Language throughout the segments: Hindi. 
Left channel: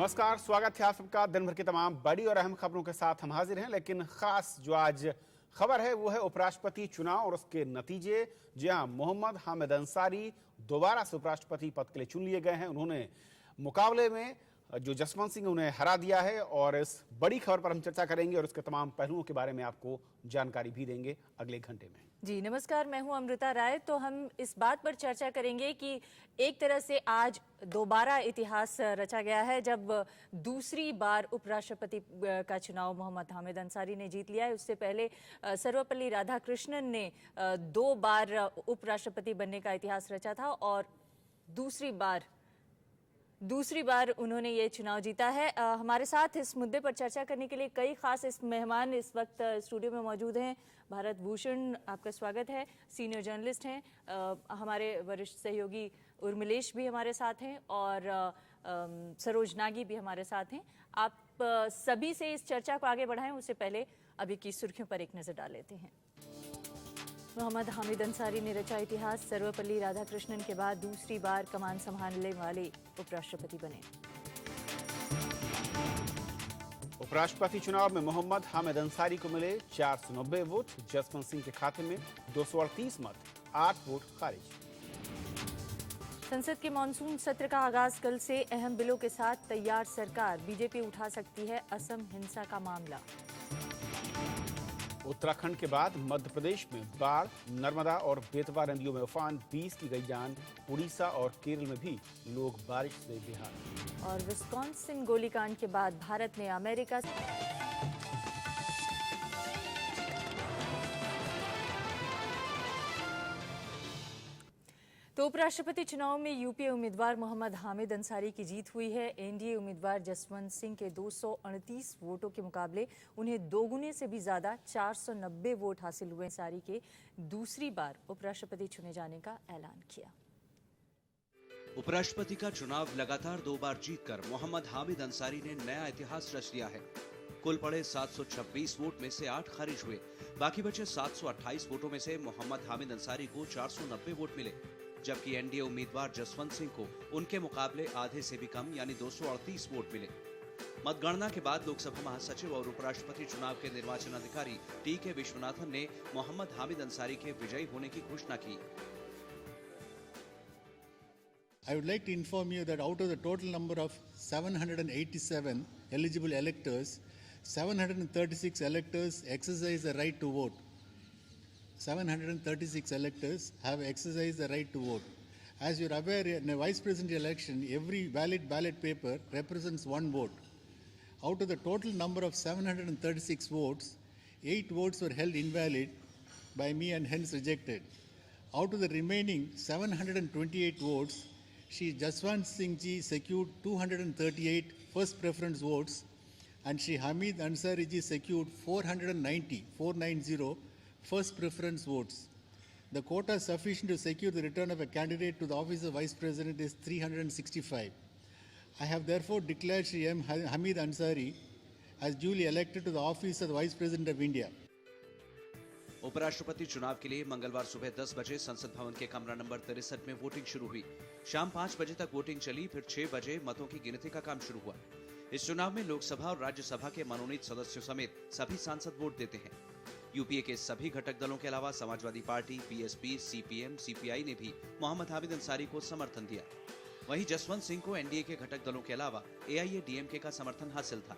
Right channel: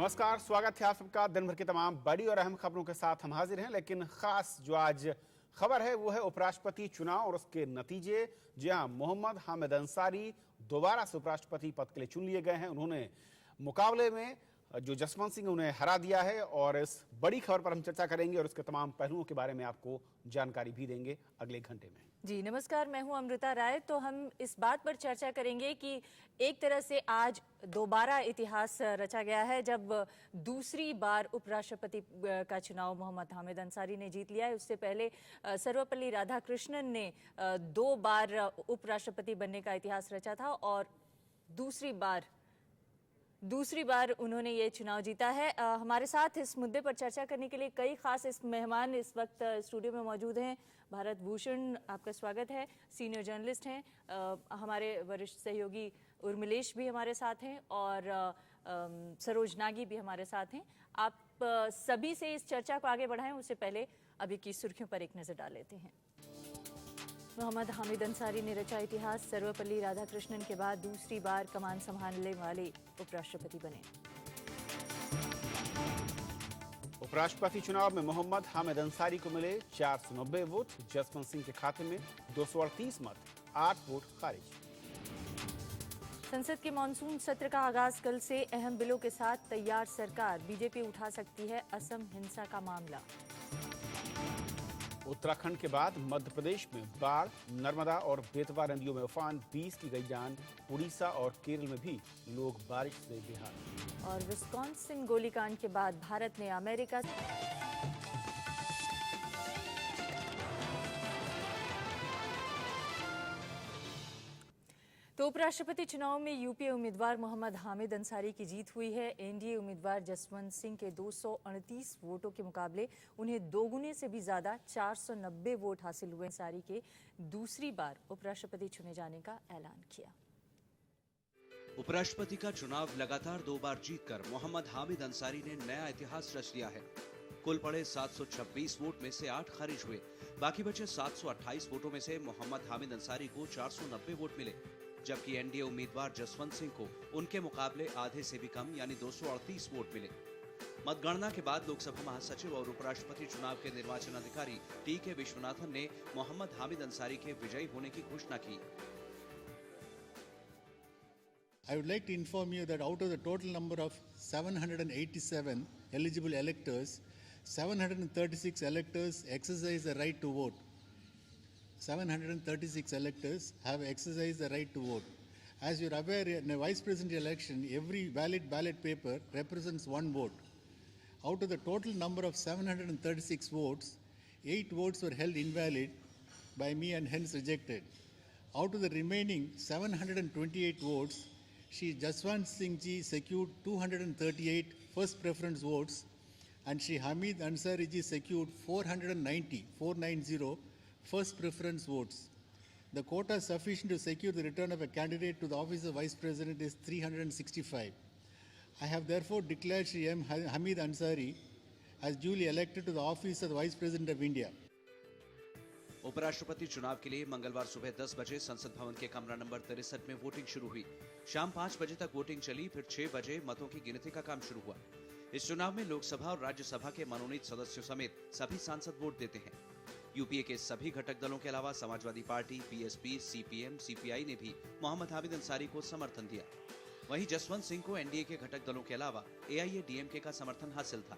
नमस्कार, स्वागत है आप सबका। दिन भर की तमाम बड़ी और अहम खबरों के साथ हम हाजिर हैं, लेकिन खास जो आज खबर है वो है उपराष्ट्रपति चुनाव और उसके नतीजे। जी हाँ, मोहम्मद हामिद अंसारी दोबारा से उपराष्ट्रपति पद के लिए चुन लिए गए हैं। उन्होंने मुकाबले में जो जसवंत सिंह उन्हें हरा दिया है और इस बड़ी खबर पर हम चर्चा करेंगे और उसके तमाम पहलुओं के बारे में आपको जानकारी भी देंगे अगले घंटे में। जी नमस्कार, मैं हूं अमृता राय। तो हम इस बात पर चर्चा करेंगे कि एक तरह से आज दोबारा इतिहास रचा गया है जब दूसरी बार उपराष्ट्रपति का चुनाव मोहम्मद हामिद अंसारी ने जीत लिया है। उससे पहले सर्वपल्ली राधाकृष्णन ने 2 बार उपराष्ट्रपति बनने का इतिहास रचा था और दूसरी बार उन्होंने ये चुनाव जीता है। हमारे साथ इस मुद्दे पर चर्चा करने के लिए कई खास मेहमान इस वक्त स्टूडियो में मौजूद हैं। भारत भूषण, आपका स्वागत है, सीनियर जर्नलिस्ट हैं। हमारे वरिष्ठ सहयोगी उर्मिलेश भी हमारे साथ हैं और सरोज नागी भी हमारे साथ हैं। आप सभी से इस चर्चा को आगे बढ़ाएं उससे पहले अभी की सुर्खियों पर एक नजर डाल लेते हैं। मोहम्मद हामिद अंसारी ने रचा इतिहास, सर्वपल्ली राधाकृष्णन के बाद दूसरी बार कमान संभालने वाले उपराष्ट्रपति बने। उपराष्ट्रपति चुनाव में मोहम्मद हामिद अंसारी को मिले 490 वोट, जसवंत सिंह के खाते में 238 मत, 8 वोट खारिज। संसद के मानसून सत्र का आगाज कल से। अहम बिलों के साथ तैयार सरकार, बीजेपी उठा सकती है असम हिंसा का मामला। उत्तराखंड के बाद मध्य प्रदेश में बाढ़, नर्मदा और बेतवा नदियों में उफान, 20 की गई जान। उड़ीसा और केरल में भी लोग बारिश से बेहाल। और विस्कॉन्सिन गोलीकांड के बाद भारत ने अमेरिका तो उपराष्ट्रपति चुनाव में यूपी उम्मीदवार मोहम्मद हामिद अंसारी की जीत हुई है। एनडीए उम्मीदवार जसवंत सिंह के 238 वोटों के मुकाबले उन्हें दोगुने से भी ज्यादा 490 वोट हासिल हुए। अंसारी के दूसरी बार उपराष्ट्रपति चुने जाने का ऐलान किया। उपराष्ट्रपति का चुनाव लगातार 2 बार जीतकर मोहम्मद हामिद अंसारी ने नया इतिहास रच दिया है। कुल पड़े 726 वोट में से 8 खारिज हुए। बाकी बचे 728 वोटों में से मोहम्मद हामिद अंसारी को 490 वोट मिले, जबकि एनडीए उम्मीदवार जसवंत सिंह को उनके मुकाबले आधे से भी कम यानी 238 वोट मिले। मतगणना के बाद लोकसभा महासचिव और उपराष्ट्रपति चुनाव के निर्वाचन अधिकारी टी.के. विश्वनाथन ने मोहम्मद हामिद अंसारी के विजयी होने की घोषणा की। I would like to inform you that out of the total number of 787 eligible electors, 736 electors exercise the right to vote. 736 electors have exercised the right to vote. As you are aware, in a vice president election, every valid ballot paper represents 1 vote. Out of the total number of 736 votes, 8 votes were held invalid by me and hence rejected. Out of the remaining 728 votes, Shri Jaswant Singh ji secured 238 first preference votes and Shri Hamid Ansari ji secured 490 first preference votes. The quota sufficient to secure the return of a candidate to the office of Vice President is 365. I have therefore declared Shri M. Hamid Ansari as duly elected to the office of the Vice President of India. उपराष्ट्रपति चुनाव के लिए मंगलवार सुबह 10 बजे संसद भवन के कमरा नंबर 63 में वोटिंग शुरू हुई। शाम 5 बजे तक वोटिंग चली, फिर 6 बजे मतों की गिनती का काम शुरू हुआ। इस चुनाव में लोकसभा और राज्यसभा के मनोनीत सदस्यों समेत सभी सांसद वोट देते हैं। यूपीए के सभी घटक दलों के अलावा Samajwadi party, BSP, CPM, CPI ने भी मोहम्मद हामिद अंसारी को समर्थन दिया। वहीं जसवंत सिंह को एनडीए के घटक दलों के अलावा एआईएडीएमके का समर्थन हासिल था।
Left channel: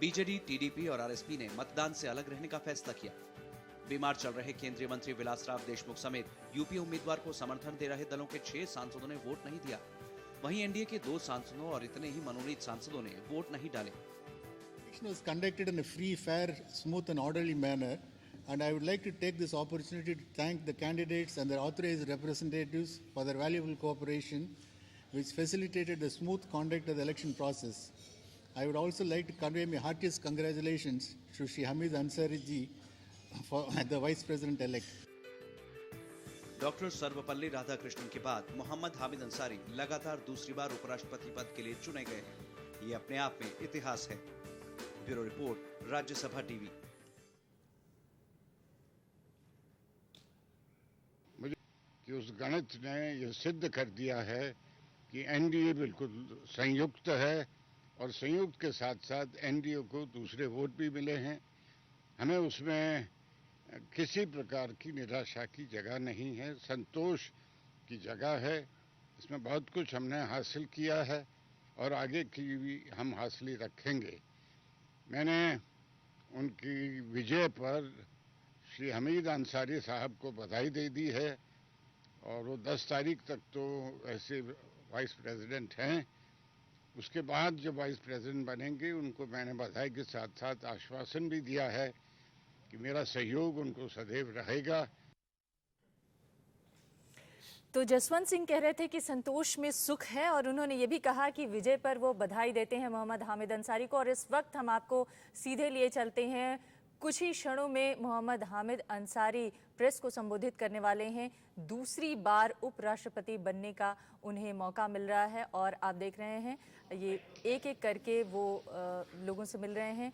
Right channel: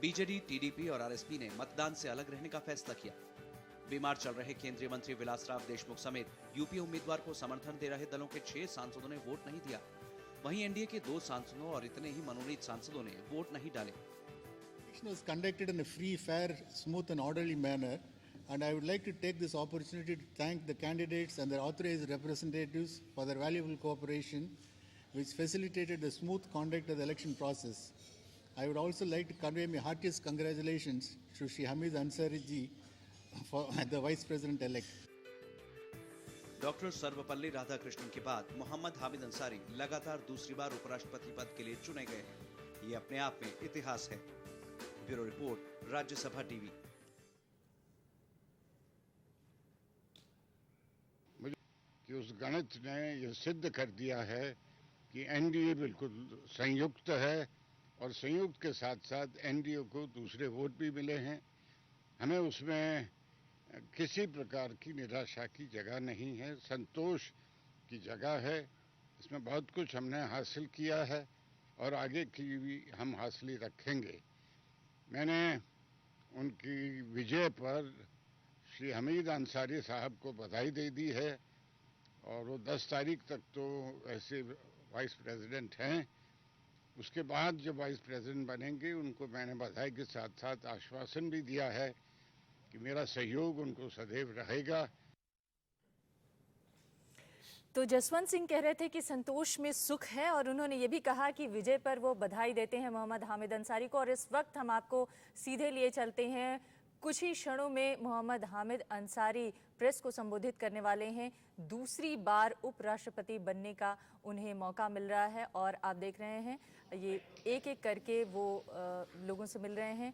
बीजेडी, टीडीपी और आरएसपी ने मतदान से अलग रहने का फैसला किया। बीमार चल रहे केंद्रीय मंत्री विलासराव देशमुख समेत यूपीए उम्मीदवार को समर्थन दे रहे दलों के 6 सांसदों ने वोट नहीं दिया। वहीं एनडीए के 2 सांसदों और इतने ही मनोनीत सांसदों ने वोट नहीं डाले। Election was conducted in a free, fair, smooth and orderly manner, and I would like to take this opportunity to thank the candidates and their authorized representatives for their valuable cooperation, which facilitated the smooth conduct of the election process. I would also like to convey my heartiest congratulations to Shri Hamid Ansari ji for the Vice President elect. Doctor Sarvepalli Radhakrishnan के बाद मोहम्मद हामिद अंसारी लगातार दूसरी बार उपराष्ट्रपति पद के लिए चुने गए हैं। ये अपने आप में इतिहास है। Bureau report, Rajya Sabha TV. कि उस गणित ने यह सिद्ध कर दिया है कि एनडीए बिल्कुल संयुक्त है और संयुक्त के साथ साथ एनडीए को दूसरे वोट भी मिले हैं। हमें उसमें किसी प्रकार की निराशा की जगह नहीं है, संतोष की जगह है। इसमें बहुत कुछ हमने हासिल किया है और आगे की भी हम हासिल रखेंगे। मैंने उनकी विजय पर श्री हमीद अंसारी साहब को बधाई दे दी है और वो 10 तारीख तक तो ऐसे वाइस प्रेसिडेंट हैं। उसके बाद जब वाइस प्रेसिडेंट बनेंगे उनको मैंने बधाई के साथ साथ आश्वासन भी दिया है कि मेरा सहयोग उनको सदैव रहेगा। तो जसवंत सिंह कह रहे थे कि संतोष में सुख है और उन्होंने ये भी कहा कि विजय पर वो बधाई देते हैं मोहम्मद हामिद अंसारी को। और इस वक्त हम आपको सीधे लिए चलते हैं, कुछ ही क्षणों में मोहम्मद हामिद अंसारी प्रेस को संबोधित करने वाले हैं। दूसरी बार उपराष्ट्रपति बनने का उन्हें मौका मिल रहा है और आप देख रहे हैं ये एक एक करके वो लोगों से मिल रहे हैं।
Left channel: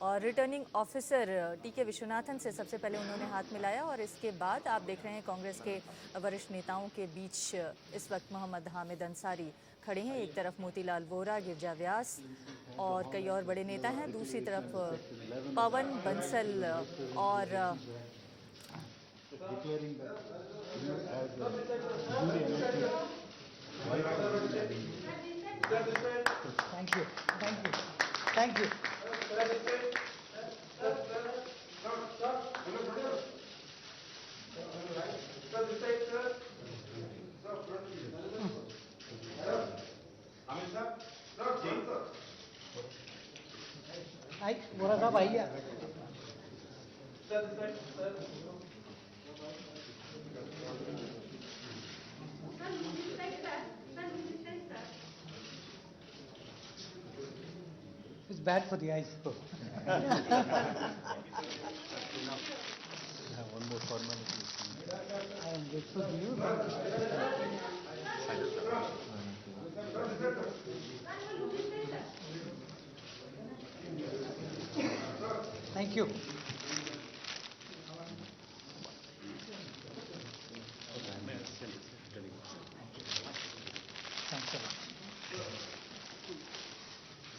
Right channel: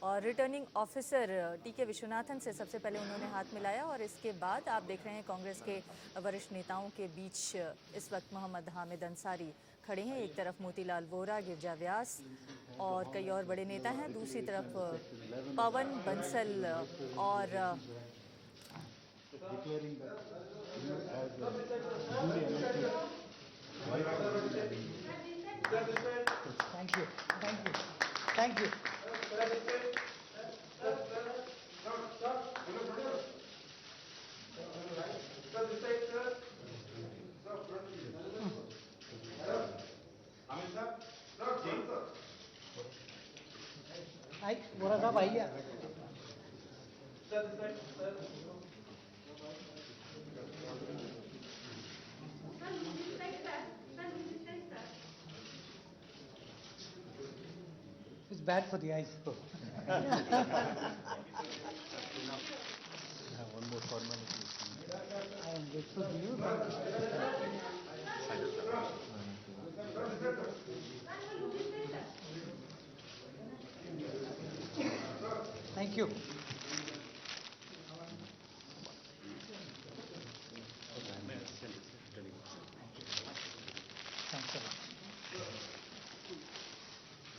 और रिटर्निंग ऑफिसर टीके विश्वनाथन से सबसे पहले उन्होंने हाथ मिलाया और इसके बाद आप देख रहे हैं कांग्रेस के वरिष्ठ नेताओं के बीच इस वक्त मोहम्मद हामिद अंसारी खड़े हैं। एक तरफ मोतीलाल वोरा, गिरजा व्यास और कई और बड़े नेता हैं, दूसरी तरफ पवन बंसल और Thank you. बोला था भैया It's bad for the eyes. Thank you.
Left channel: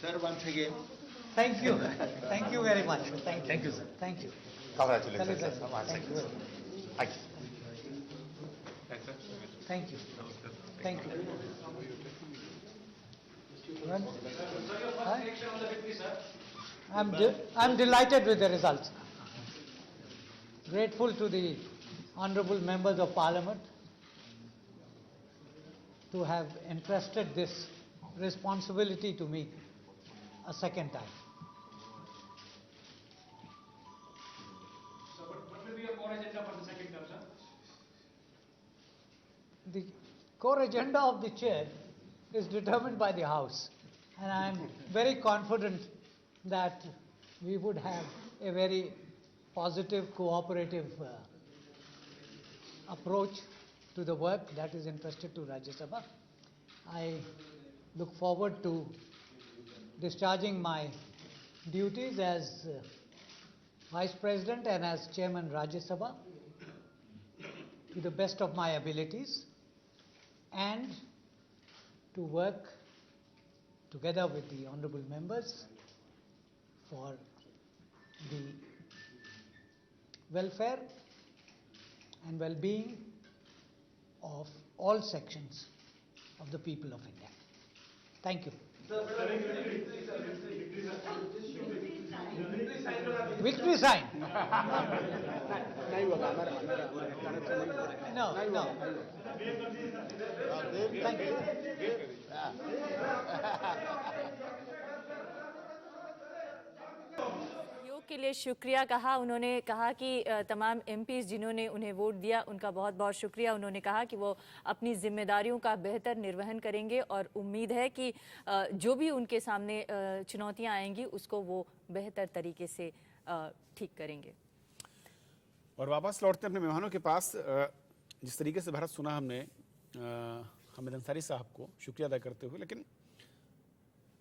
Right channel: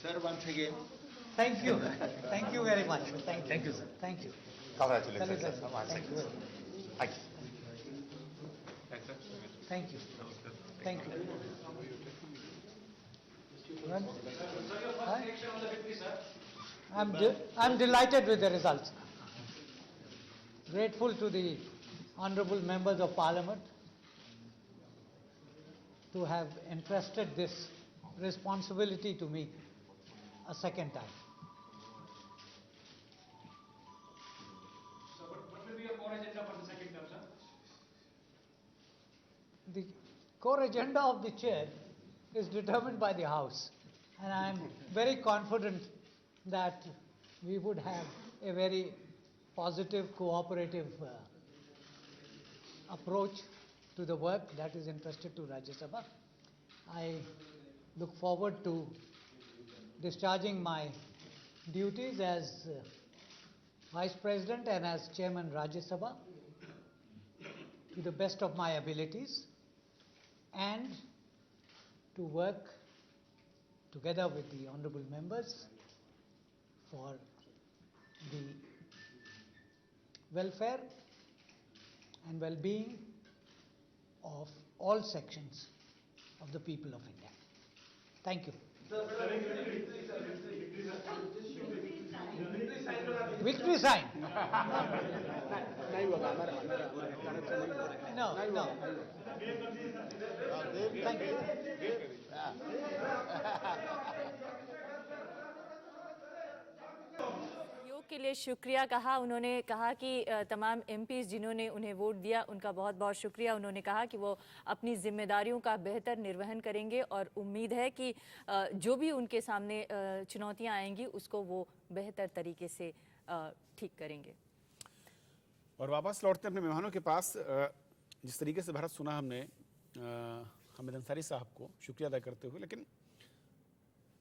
Sir, once again, Thank you. Thank you very much. Thank you. Thank you, sir. Thank you. congratulations, sir. Thank you. Once again, sir. Thank you. Thank you. Thank you. Well, I'm delighted with the results. Grateful to the honorable members of parliament to have entrusted this responsibility to me a second time. The core agenda of the chair is determined by the House, and I am very confident that we would have a very positive, cooperative approach to the work that is entrusted to Rajya Sabha. I look forward to discharging my duties as Vice President and as Chairman Rajya Sabha to the best of my abilities, and to work together with the honorable members for the welfare and well-being of all sections of the people of India. Thank you. Victory sign? No. Thank you. सहयोग के लिए शुक्रिया कहा। उन्होंने कहा कि तमाम एमपीज जिन्होंने उन्हें वोट दिया उनका बहुत बहुत शुक्रिया। उन्होंने कहा कि वो अपनी जिम्मेदारियों का बेहतर निर्वहन करेंगे और उम्मीद है कि जो भी उनके सामने चुनौतियां आएंगी उसको वो बेहतर तरीके से ठीक करेंगे। और वापस लौटते अपने मेहमानों के पास, जिस तरीके से भारत सुना हमने हामिद अंसारी साहब को शुक्रिया अदा करते हुए, लेकिन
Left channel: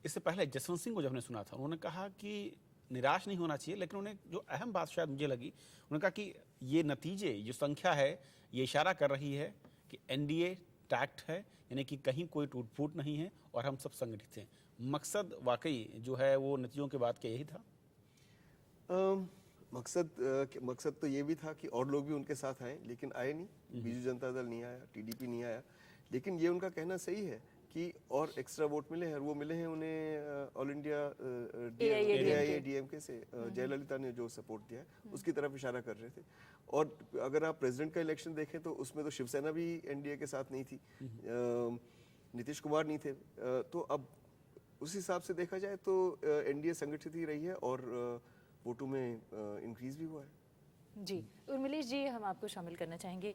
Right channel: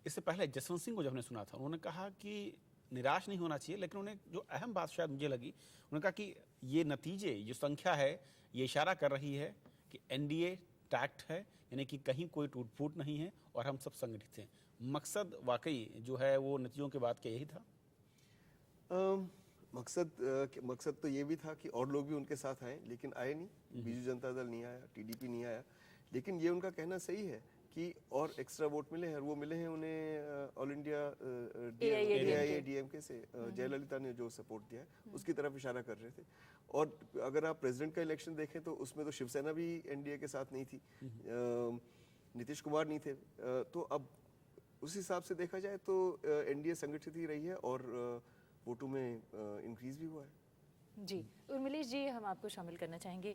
इससे पहले जसवंत सिंह को जब हमने सुना था उन्होंने कहा कि निराश नहीं होना चाहिए, लेकिन उन्हें जो अहम बात शायद मुझे लगी, उन्होंने कहा कि ये नतीजे, जो संख्या है, ये इशारा कर रही है कि एनडीए इंटैक्ट है, यानी कि कहीं कोई टूट फूट नहीं है और हम सब संगठित हैं। मकसद वाकई जो है वो नतीजों के बाद क्या यही था? मकसद तो ये भी था कि और लोग भी उनके साथ आए, लेकिन आए नहीं। बीजू जनता दल नहीं आया, टीडीपी नहीं आया, लेकिन ये उनका कहना सही है कि और एक्स्ट्रा वोट मिले हैं, और वो मिले हैं उन्हें ऑल इंडिया AIADMK से जयललिता ने जो सपोर्ट दिया है उसकी तरफ इशारा कर रहे थे। और अगर आप प्रेसिडेंट का इलेक्शन देखें तो उसमें तो शिवसेना भी एनडीए के साथ नहीं थी, नीतीश कुमार नहीं थे, तो अब उस हिसाब से देखा जाए तो एनडीए संगठित ही रही है और वोटों में इंक्रीज भी हुआ है। जी, उर्मिलेश जी, हम आपको शामिल करना चाहेंगे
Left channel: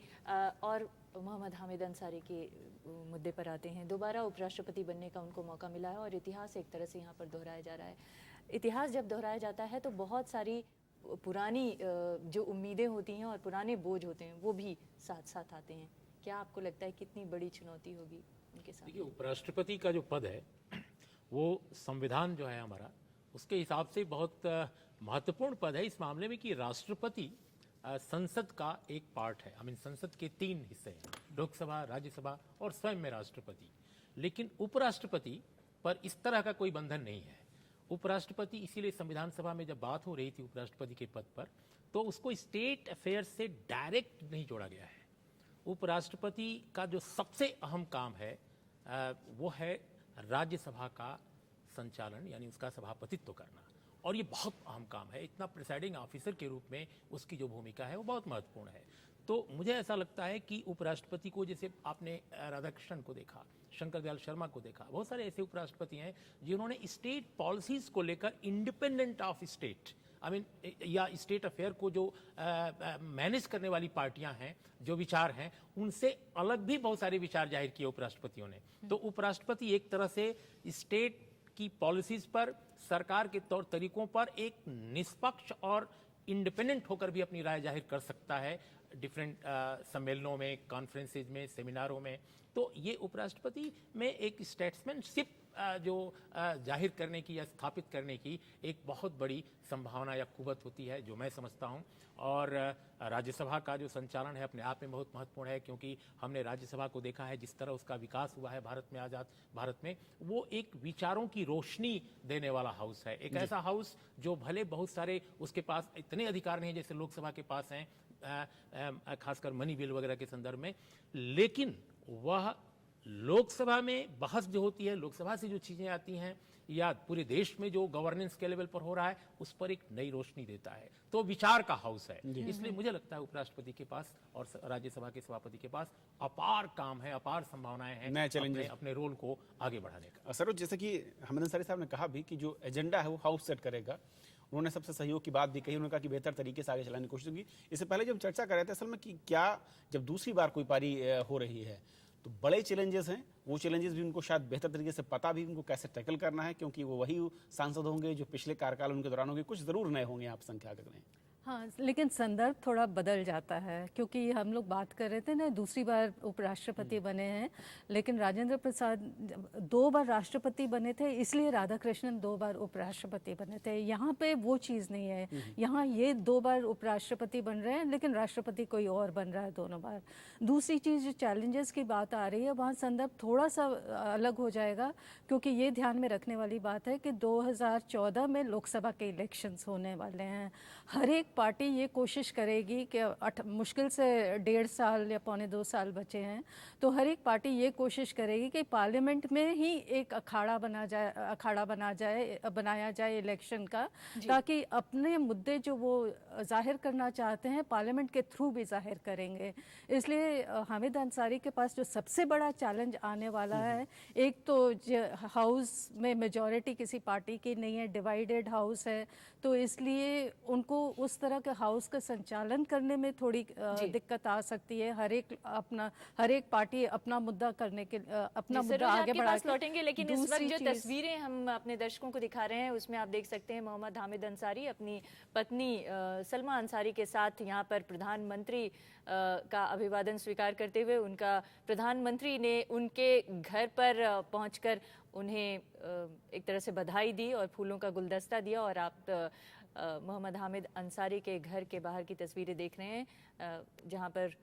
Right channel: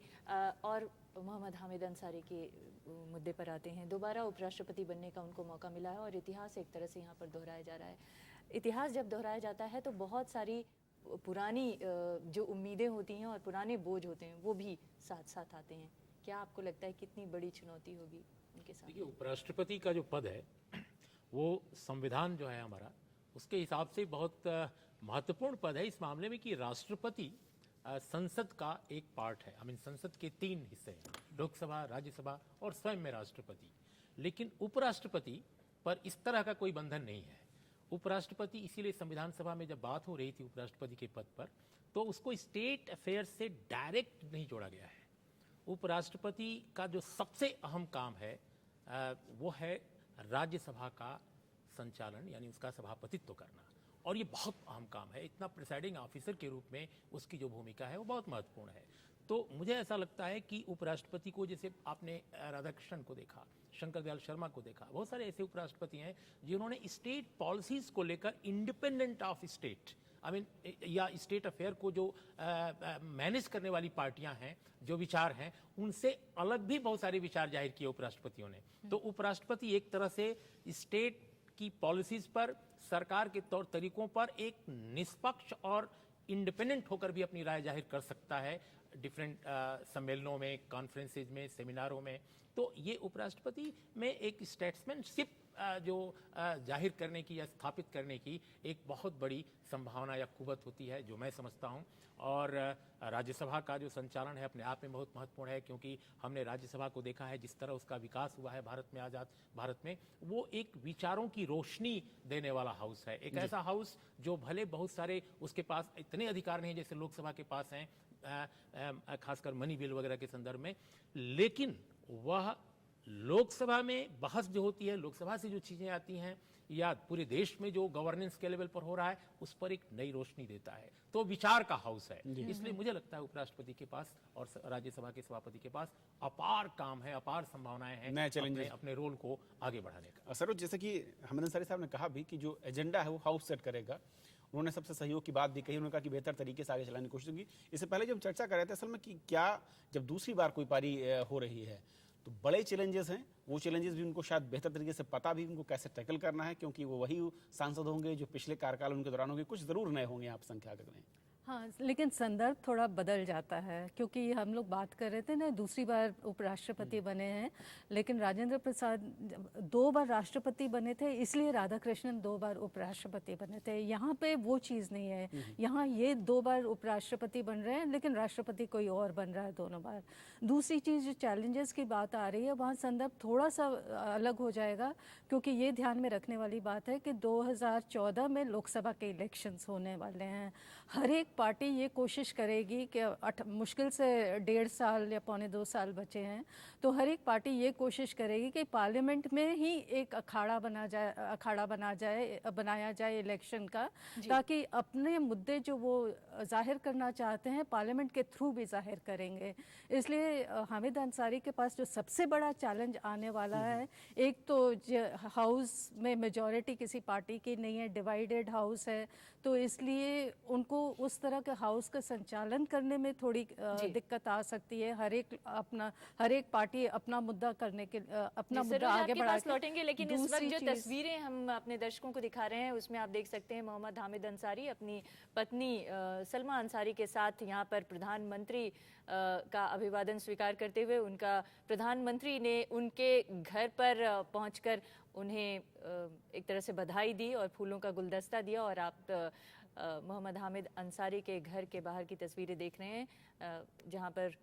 और मोहम्मद हामिद अंसारी के मुद्दे पर आते हैं। दोबारा उपराष्ट्रपति बनने का उनको मौका मिला है और इतिहास एक तरह से यहाँ पर दोहराया जा रहा है। इतिहास जब दोहराया जाता है तो बहुत सारी पुरानी जो उम्मीदें होती हैं और पुराने बोझ होते हैं वो भी साथ साथ आते हैं। क्या आपको लगता है कितनी बड़ी चुनौती होगी उनके साथ? देखिए, उपराष्ट्रपति का जो पद है वो संविधान जो है हमारा, उसके हिसाब से बहुत महत्वपूर्ण पद है इस मामले में कि राष्ट्रपति संसद का एक पार्ट है। आई मीन संसद के 3 हिस्से हैं, लोकसभा, राज्यसभा और स्वयं में राष्ट्रपति। लेकिन उपराष्ट्रपति पर इस तरह का कोई बंधन नहीं है। उपराष्ट्रपति, इसीलिए संविधान सभा में जब बात हो रही थी उपराष्ट्रपति के पद पर, तो उसको स्टेट अफेयर्स से डायरेक्ट नहीं जोड़ा गया है। उपराष्ट्रपति का जो सबसे अहम काम है वो है राज्यसभा का संचालन, यानी उसका सभापतित्व करना, और ये बहुत अहम काम है। इतना प्रिसाइडिंग ऑफिसर के रूप में उसकी जो भूमिका है वो बहुत महत्वपूर्ण है। तो मुझे ऐसा लगता है कि उपराष्ट्रपति को, जैसे आपने राधाकृष्णन को देखा, शंकर दयाल शर्मा को देखा, बहुत सारे ऐसे उपराष्ट्रपति हैं जिन्होंने स्टेट पॉलिसीज को लेकर independent of state, I mean या स्टेट अफेयर को जो मैनेज करने वाली पार्टियां हैं, जो विचार हैं, उनसे अलग भी बहुत सारे विचार जाहिर किए उपराष्ट्रपतियों ने। तो उपराष्ट्रपति एक तरह से स्टेट की पॉलिसीज पर, सरकार के तौर तरीकों पर एक निष्पक्ष और इंडिपेंडेंट होकर भी अपनी राय जाहिर कर सकता है डिफरेंट सम्मेलनों में, कॉन्फ्रेंसेज में, सेमिनारों में। तो ये उपराष्ट्रपति में एक स्टेट्समैनशिप जो जाहिर करने की या स्थापित करने की एक बहुत बड़ी संभावना या कुवत होती है, जो मैं समझता हूं। और राज्यसभा का जो संचालन है अपने आप में बहुत महत्वपूर्ण है, क्योंकि हमने राज्यसभा को देखा है जिस तरह उसका विकास हुआ है भारत में, आजाद भारत में। वो एक विचारों की रोशनी देने वाला हाउस है, एक ऐसा हाउस जो भले बहुत सारे उसके पास इतने अधिकार नहीं है जैसे लोकसभा के पास हैं, खासकर मनी बिल वगैरह के संदर्भ में, लेकिन वह लोकसभा में बहस जो होती है, लोकसभा से जो चीजें आती हैं या पूरे देश में जो गवर्नेंस के लेवल पर हो रहा है, उस पर एक नई रोशनी देता है। तो विचार का हाउस है, इसलिए मुझे लगता है उपराष्ट्रपति के पास और राज्यसभा के सभापति के पास अपार काम है, अपार संभावनाएं हैं नए चैलेंजेस अपने रोल को आगे बढ़ाने का। सरोज, जैसे कि हामिद अंसारी साहब ने कहा भी कि जो एजेंडा है वो हाउस सेट करेगा। उन्होंने सबसे सहयोग की बात भी कही, उन्होंने कहा कि बेहतर तरीके से आगे चलाने की कोशिश होगी। इससे पहले जब चर्चा कर रहे थे असल में कि क्या जब दूसरी बार कोई पारी हो रही है तो बड़े चैलेंजेस हैं, वो चैलेंजेस भी उनको शायद बेहतर तरीके से पता भी उनको कैसे टैकल करना है, क्योंकि वो वही सांसद होंगे जो पिछले कार्यकाल उनके दौरान होंगे। कुछ जरूर नए होंगे आप संख्या में। हाँ, लेकिन संदर्भ थोड़ा बदल जाता है, क्योंकि हम लोग बात कर रहे थे ना, दूसरी बार उपराष्ट्रपति बने हैं, लेकिन राजेंद्र प्रसाद 2 बार राष्ट्रपति बने थे, इसलिए राधाकृष्णन 2 बार उपराष्ट्रपति बने थे। यहाँ पे वो चीज़ नहीं है, यहाँ ये 2 बार उपराष्ट्रपति बन रहे हैं, लेकिन राष्ट्रपति कोई और बन रहा है दोनों बार। दूसरी चीज़, जो चैलेंजेस की बात आ रही है, वहाँ संदर्भ थोड़ा सा अलग हो जाएगा, क्योंकि ये ध्यान में रखने वाली बात है कि 2014 में लोकसभा के इलेक्शंस होने वाले हैं। हर एक पार्टी ये कोशिश करेगी कि मुश्किल से 1.5 साल या 2.25 साल बचे हैं, तो हर एक पार्टी ये कोशिश करेगी कि पार्लियामेंट में ही एक अखाड़ा बनाया जाए इलेक्शन का, ताकि अपने मुद्दे जो वो जाहिर करना चाहते हैं पार्लियामेंट के थ्रू भी जाहिर करेंगे। इसलिए हामिद अंसारी के पास जो सबसे बड़ा चैलेंज आने वाला है, एक तो हाउस में मेजॉरिटी किसी पार्टी की नहीं है, डिवाइडेड हाउस है, तो इसलिए उनको उस तरह के हाउस का संचालन करने में थोड़ी दिक्कत आ सकती है। हर एक पार्टी अपना मुद्दा करने के अपना मुद्दा आगे बढ़ा के लौटेंगे। लेकिन इस वक्त जो तस्वीरें हम अपने दर्शकों को दिखा रहे हैं उसमें आप देख सकते हैं मोहम्मद हामिद अंसारी अपनी पत्नी सलमा अंसारी के साथ यहाँ पर प्रधानमंत्री का अभिवादन स्वीकार करते हुए, उनका प्रधानमंत्री ने उनके घर पर पहुंचकर उन्हें एक तरह से बधाई दी और फूलों का गुलदस्ता दिया। और आप मोहम्मद हामिद अंसारी के घर के बाहर की तस्वीरें देख रहे हैं, जहां पर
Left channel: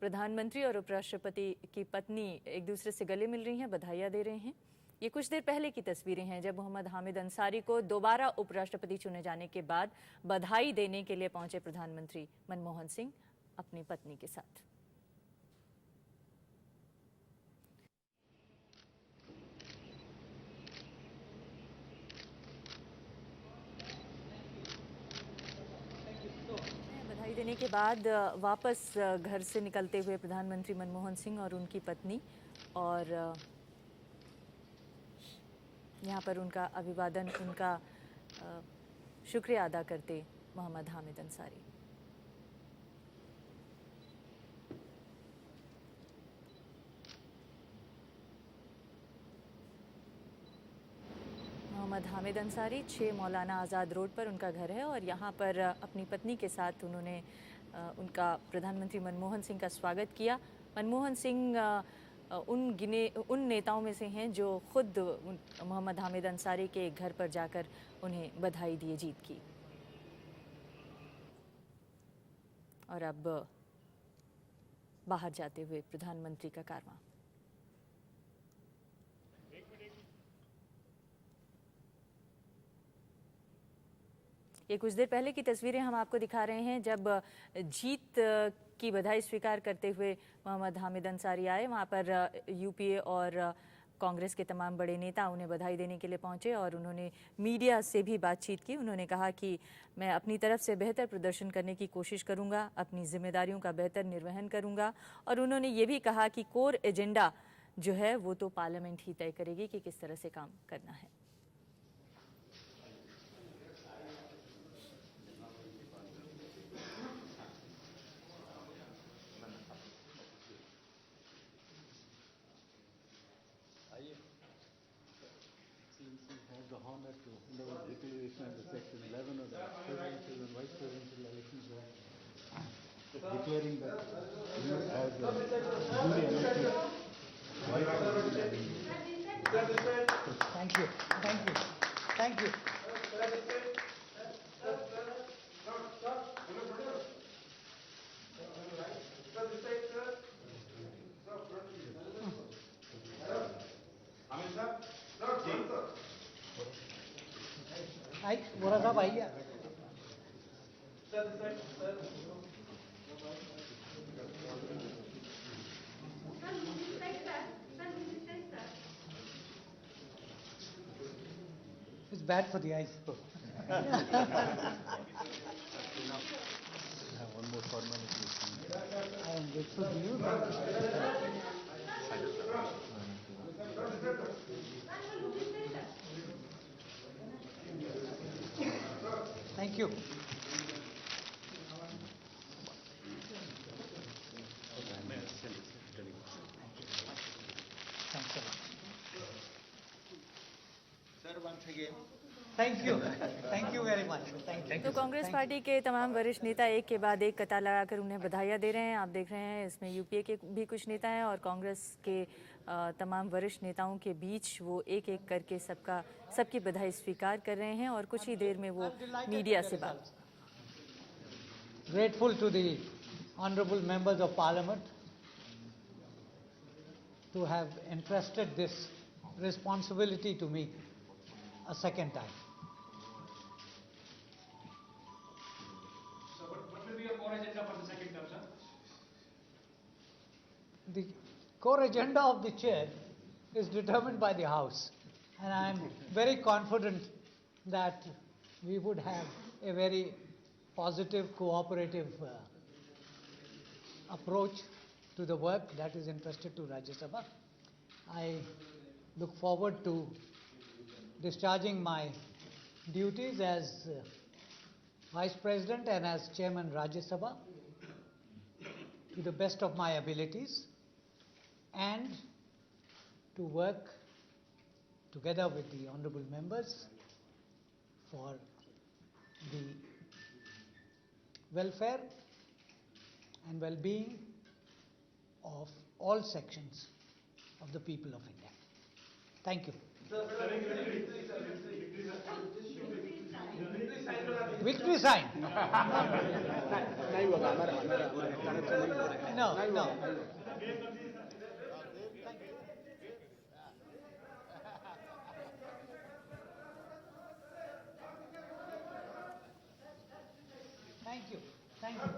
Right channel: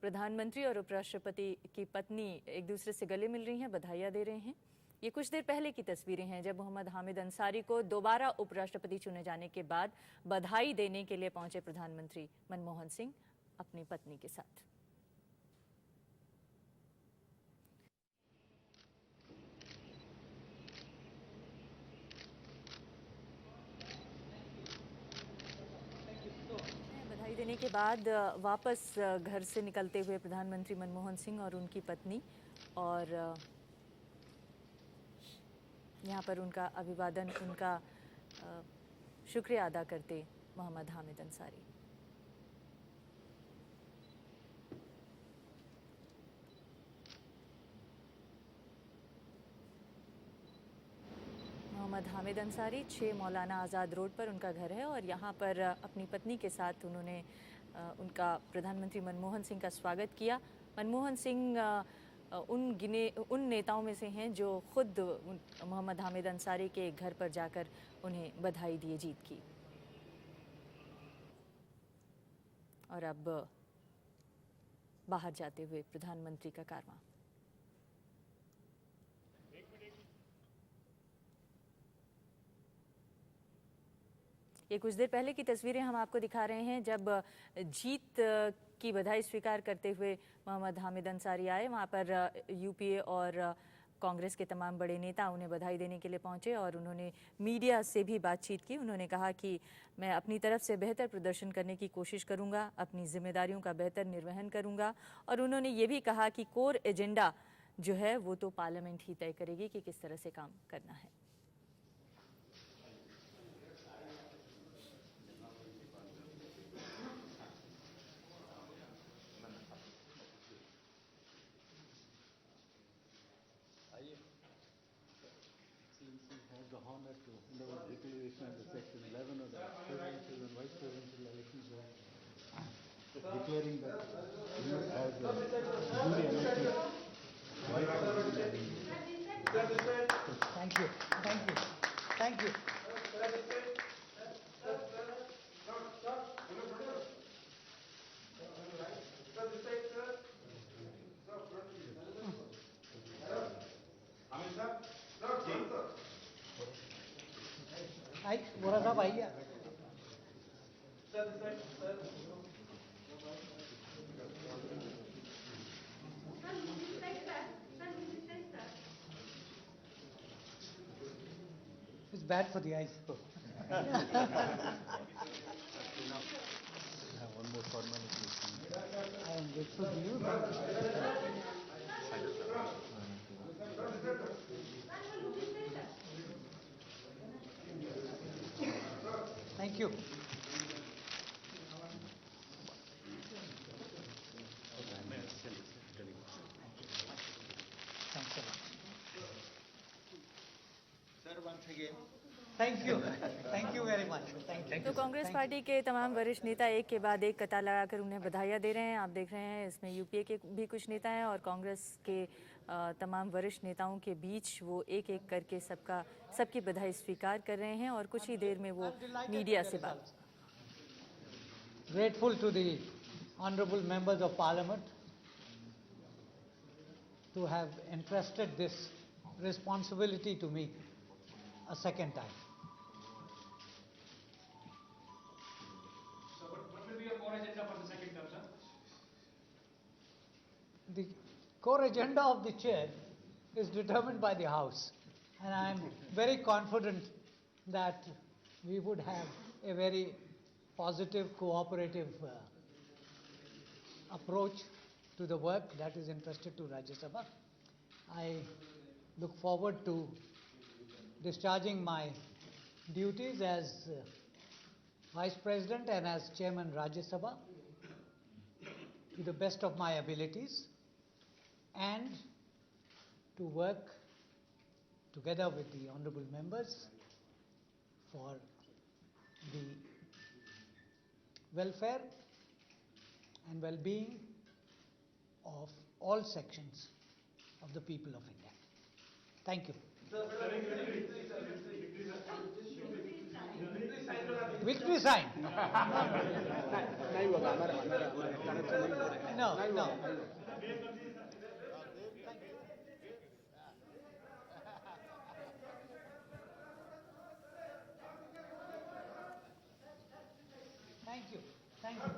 प्रधानमंत्री और उपराष्ट्रपति की पत्नी एक दूसरे से गले मिल रही हैं, बधाइयां दे रहे हैं। ये कुछ देर पहले की तस्वीरें हैं जब मोहम्मद हामिद अंसारी को दोबारा उपराष्ट्रपति चुने जाने के बाद बधाई देने के लिए पहुंचे प्रधानमंत्री मनमोहन सिंह अपनी पत्नी के साथ। बधाई देने के बाद वापस घर से निकलते हुए प्रधानमंत्री मनमोहन सिंह और उनकी पत्नी, और यहाँ पर उनका अभिवादन, उनका शुक्रिया अदा करते मोहम्मद हामिद अंसारी। मोहम्मद हामिद अंसारी 6 मौलाना आज़ाद रोड पर उनका घर है और यहाँ पर अपनी पत्नी के साथ उन्होंने उनका प्रधानमंत्री मनमोहन सिंह का स्वागत किया। मनमोहन सिंह उन नेताओं में से हैं जो खुद मोहम्मद हामिद अंसारी के घर पर जाकर उन्हें बधाई दिए जीत की। और अब बाहर जाते हुए प्रधानमंत्री का कारवां। ये कुछ देर पहले की तस्वीरें हम आपको दिखा रहे हैं जब जीत की बधाई स्वीकार करते हुए मोहम्मद हामिद अंसारी आए। वहां पर यूपीए और कांग्रेस के तमाम बड़े नेता उन्हें बधाई देने के लिए पहुंचे और उन्होंने मीडिया से भी बातचीत की। उन्होंने कहा कि मैं अपनी तरफ से बेहतर प्रदर्शन करने की कोशिश करूंगा, अपनी जिम्मेदारियों का बेहतर निर्वहन करूंगा, और उन्होंने ये भी कहा कि कोर एजेंडा जो है वो तो पार्लियामेंट ही तय करेगी कि किस तरह से काम करना है। Thank you. Thank you. Thank you. Hi, बोला था भाई। It's bad for the eyes. Thank you. Thank you. Thank you very much. Thank you. तो कांग्रेस पार्टी के तमाम वरिष्ठ नेता एक के बाद एक कतार लगाकर उन्हें बधाइयां दे रहे हैं। आप देख रहे हैं इसमें यूपीए के भी कुछ नेता हैं और कांग्रेस के तमाम वरिष्ठ नेताओं के बीच वो एक एक करके सबकी बधाई स्वीकार कर रहे हैं और कुछ ही देर में वो मीडिया से बात। Grateful to the honorable members of parliament to have entrusted this responsibility to me a second time. The core agenda of the chair is determined by the House, and I am very confident that we would have a very positive, cooperative approach to the work that is entrusted to Rajya Sabha. I look forward to discharging my duties as Vice President and as Chairman Rajya Sabha to the best of my abilities, and to work together with the honorable members for the welfare and well-being of all sections of the people of India. Thank you. Victory sign. No, no. Thank you. Thank you.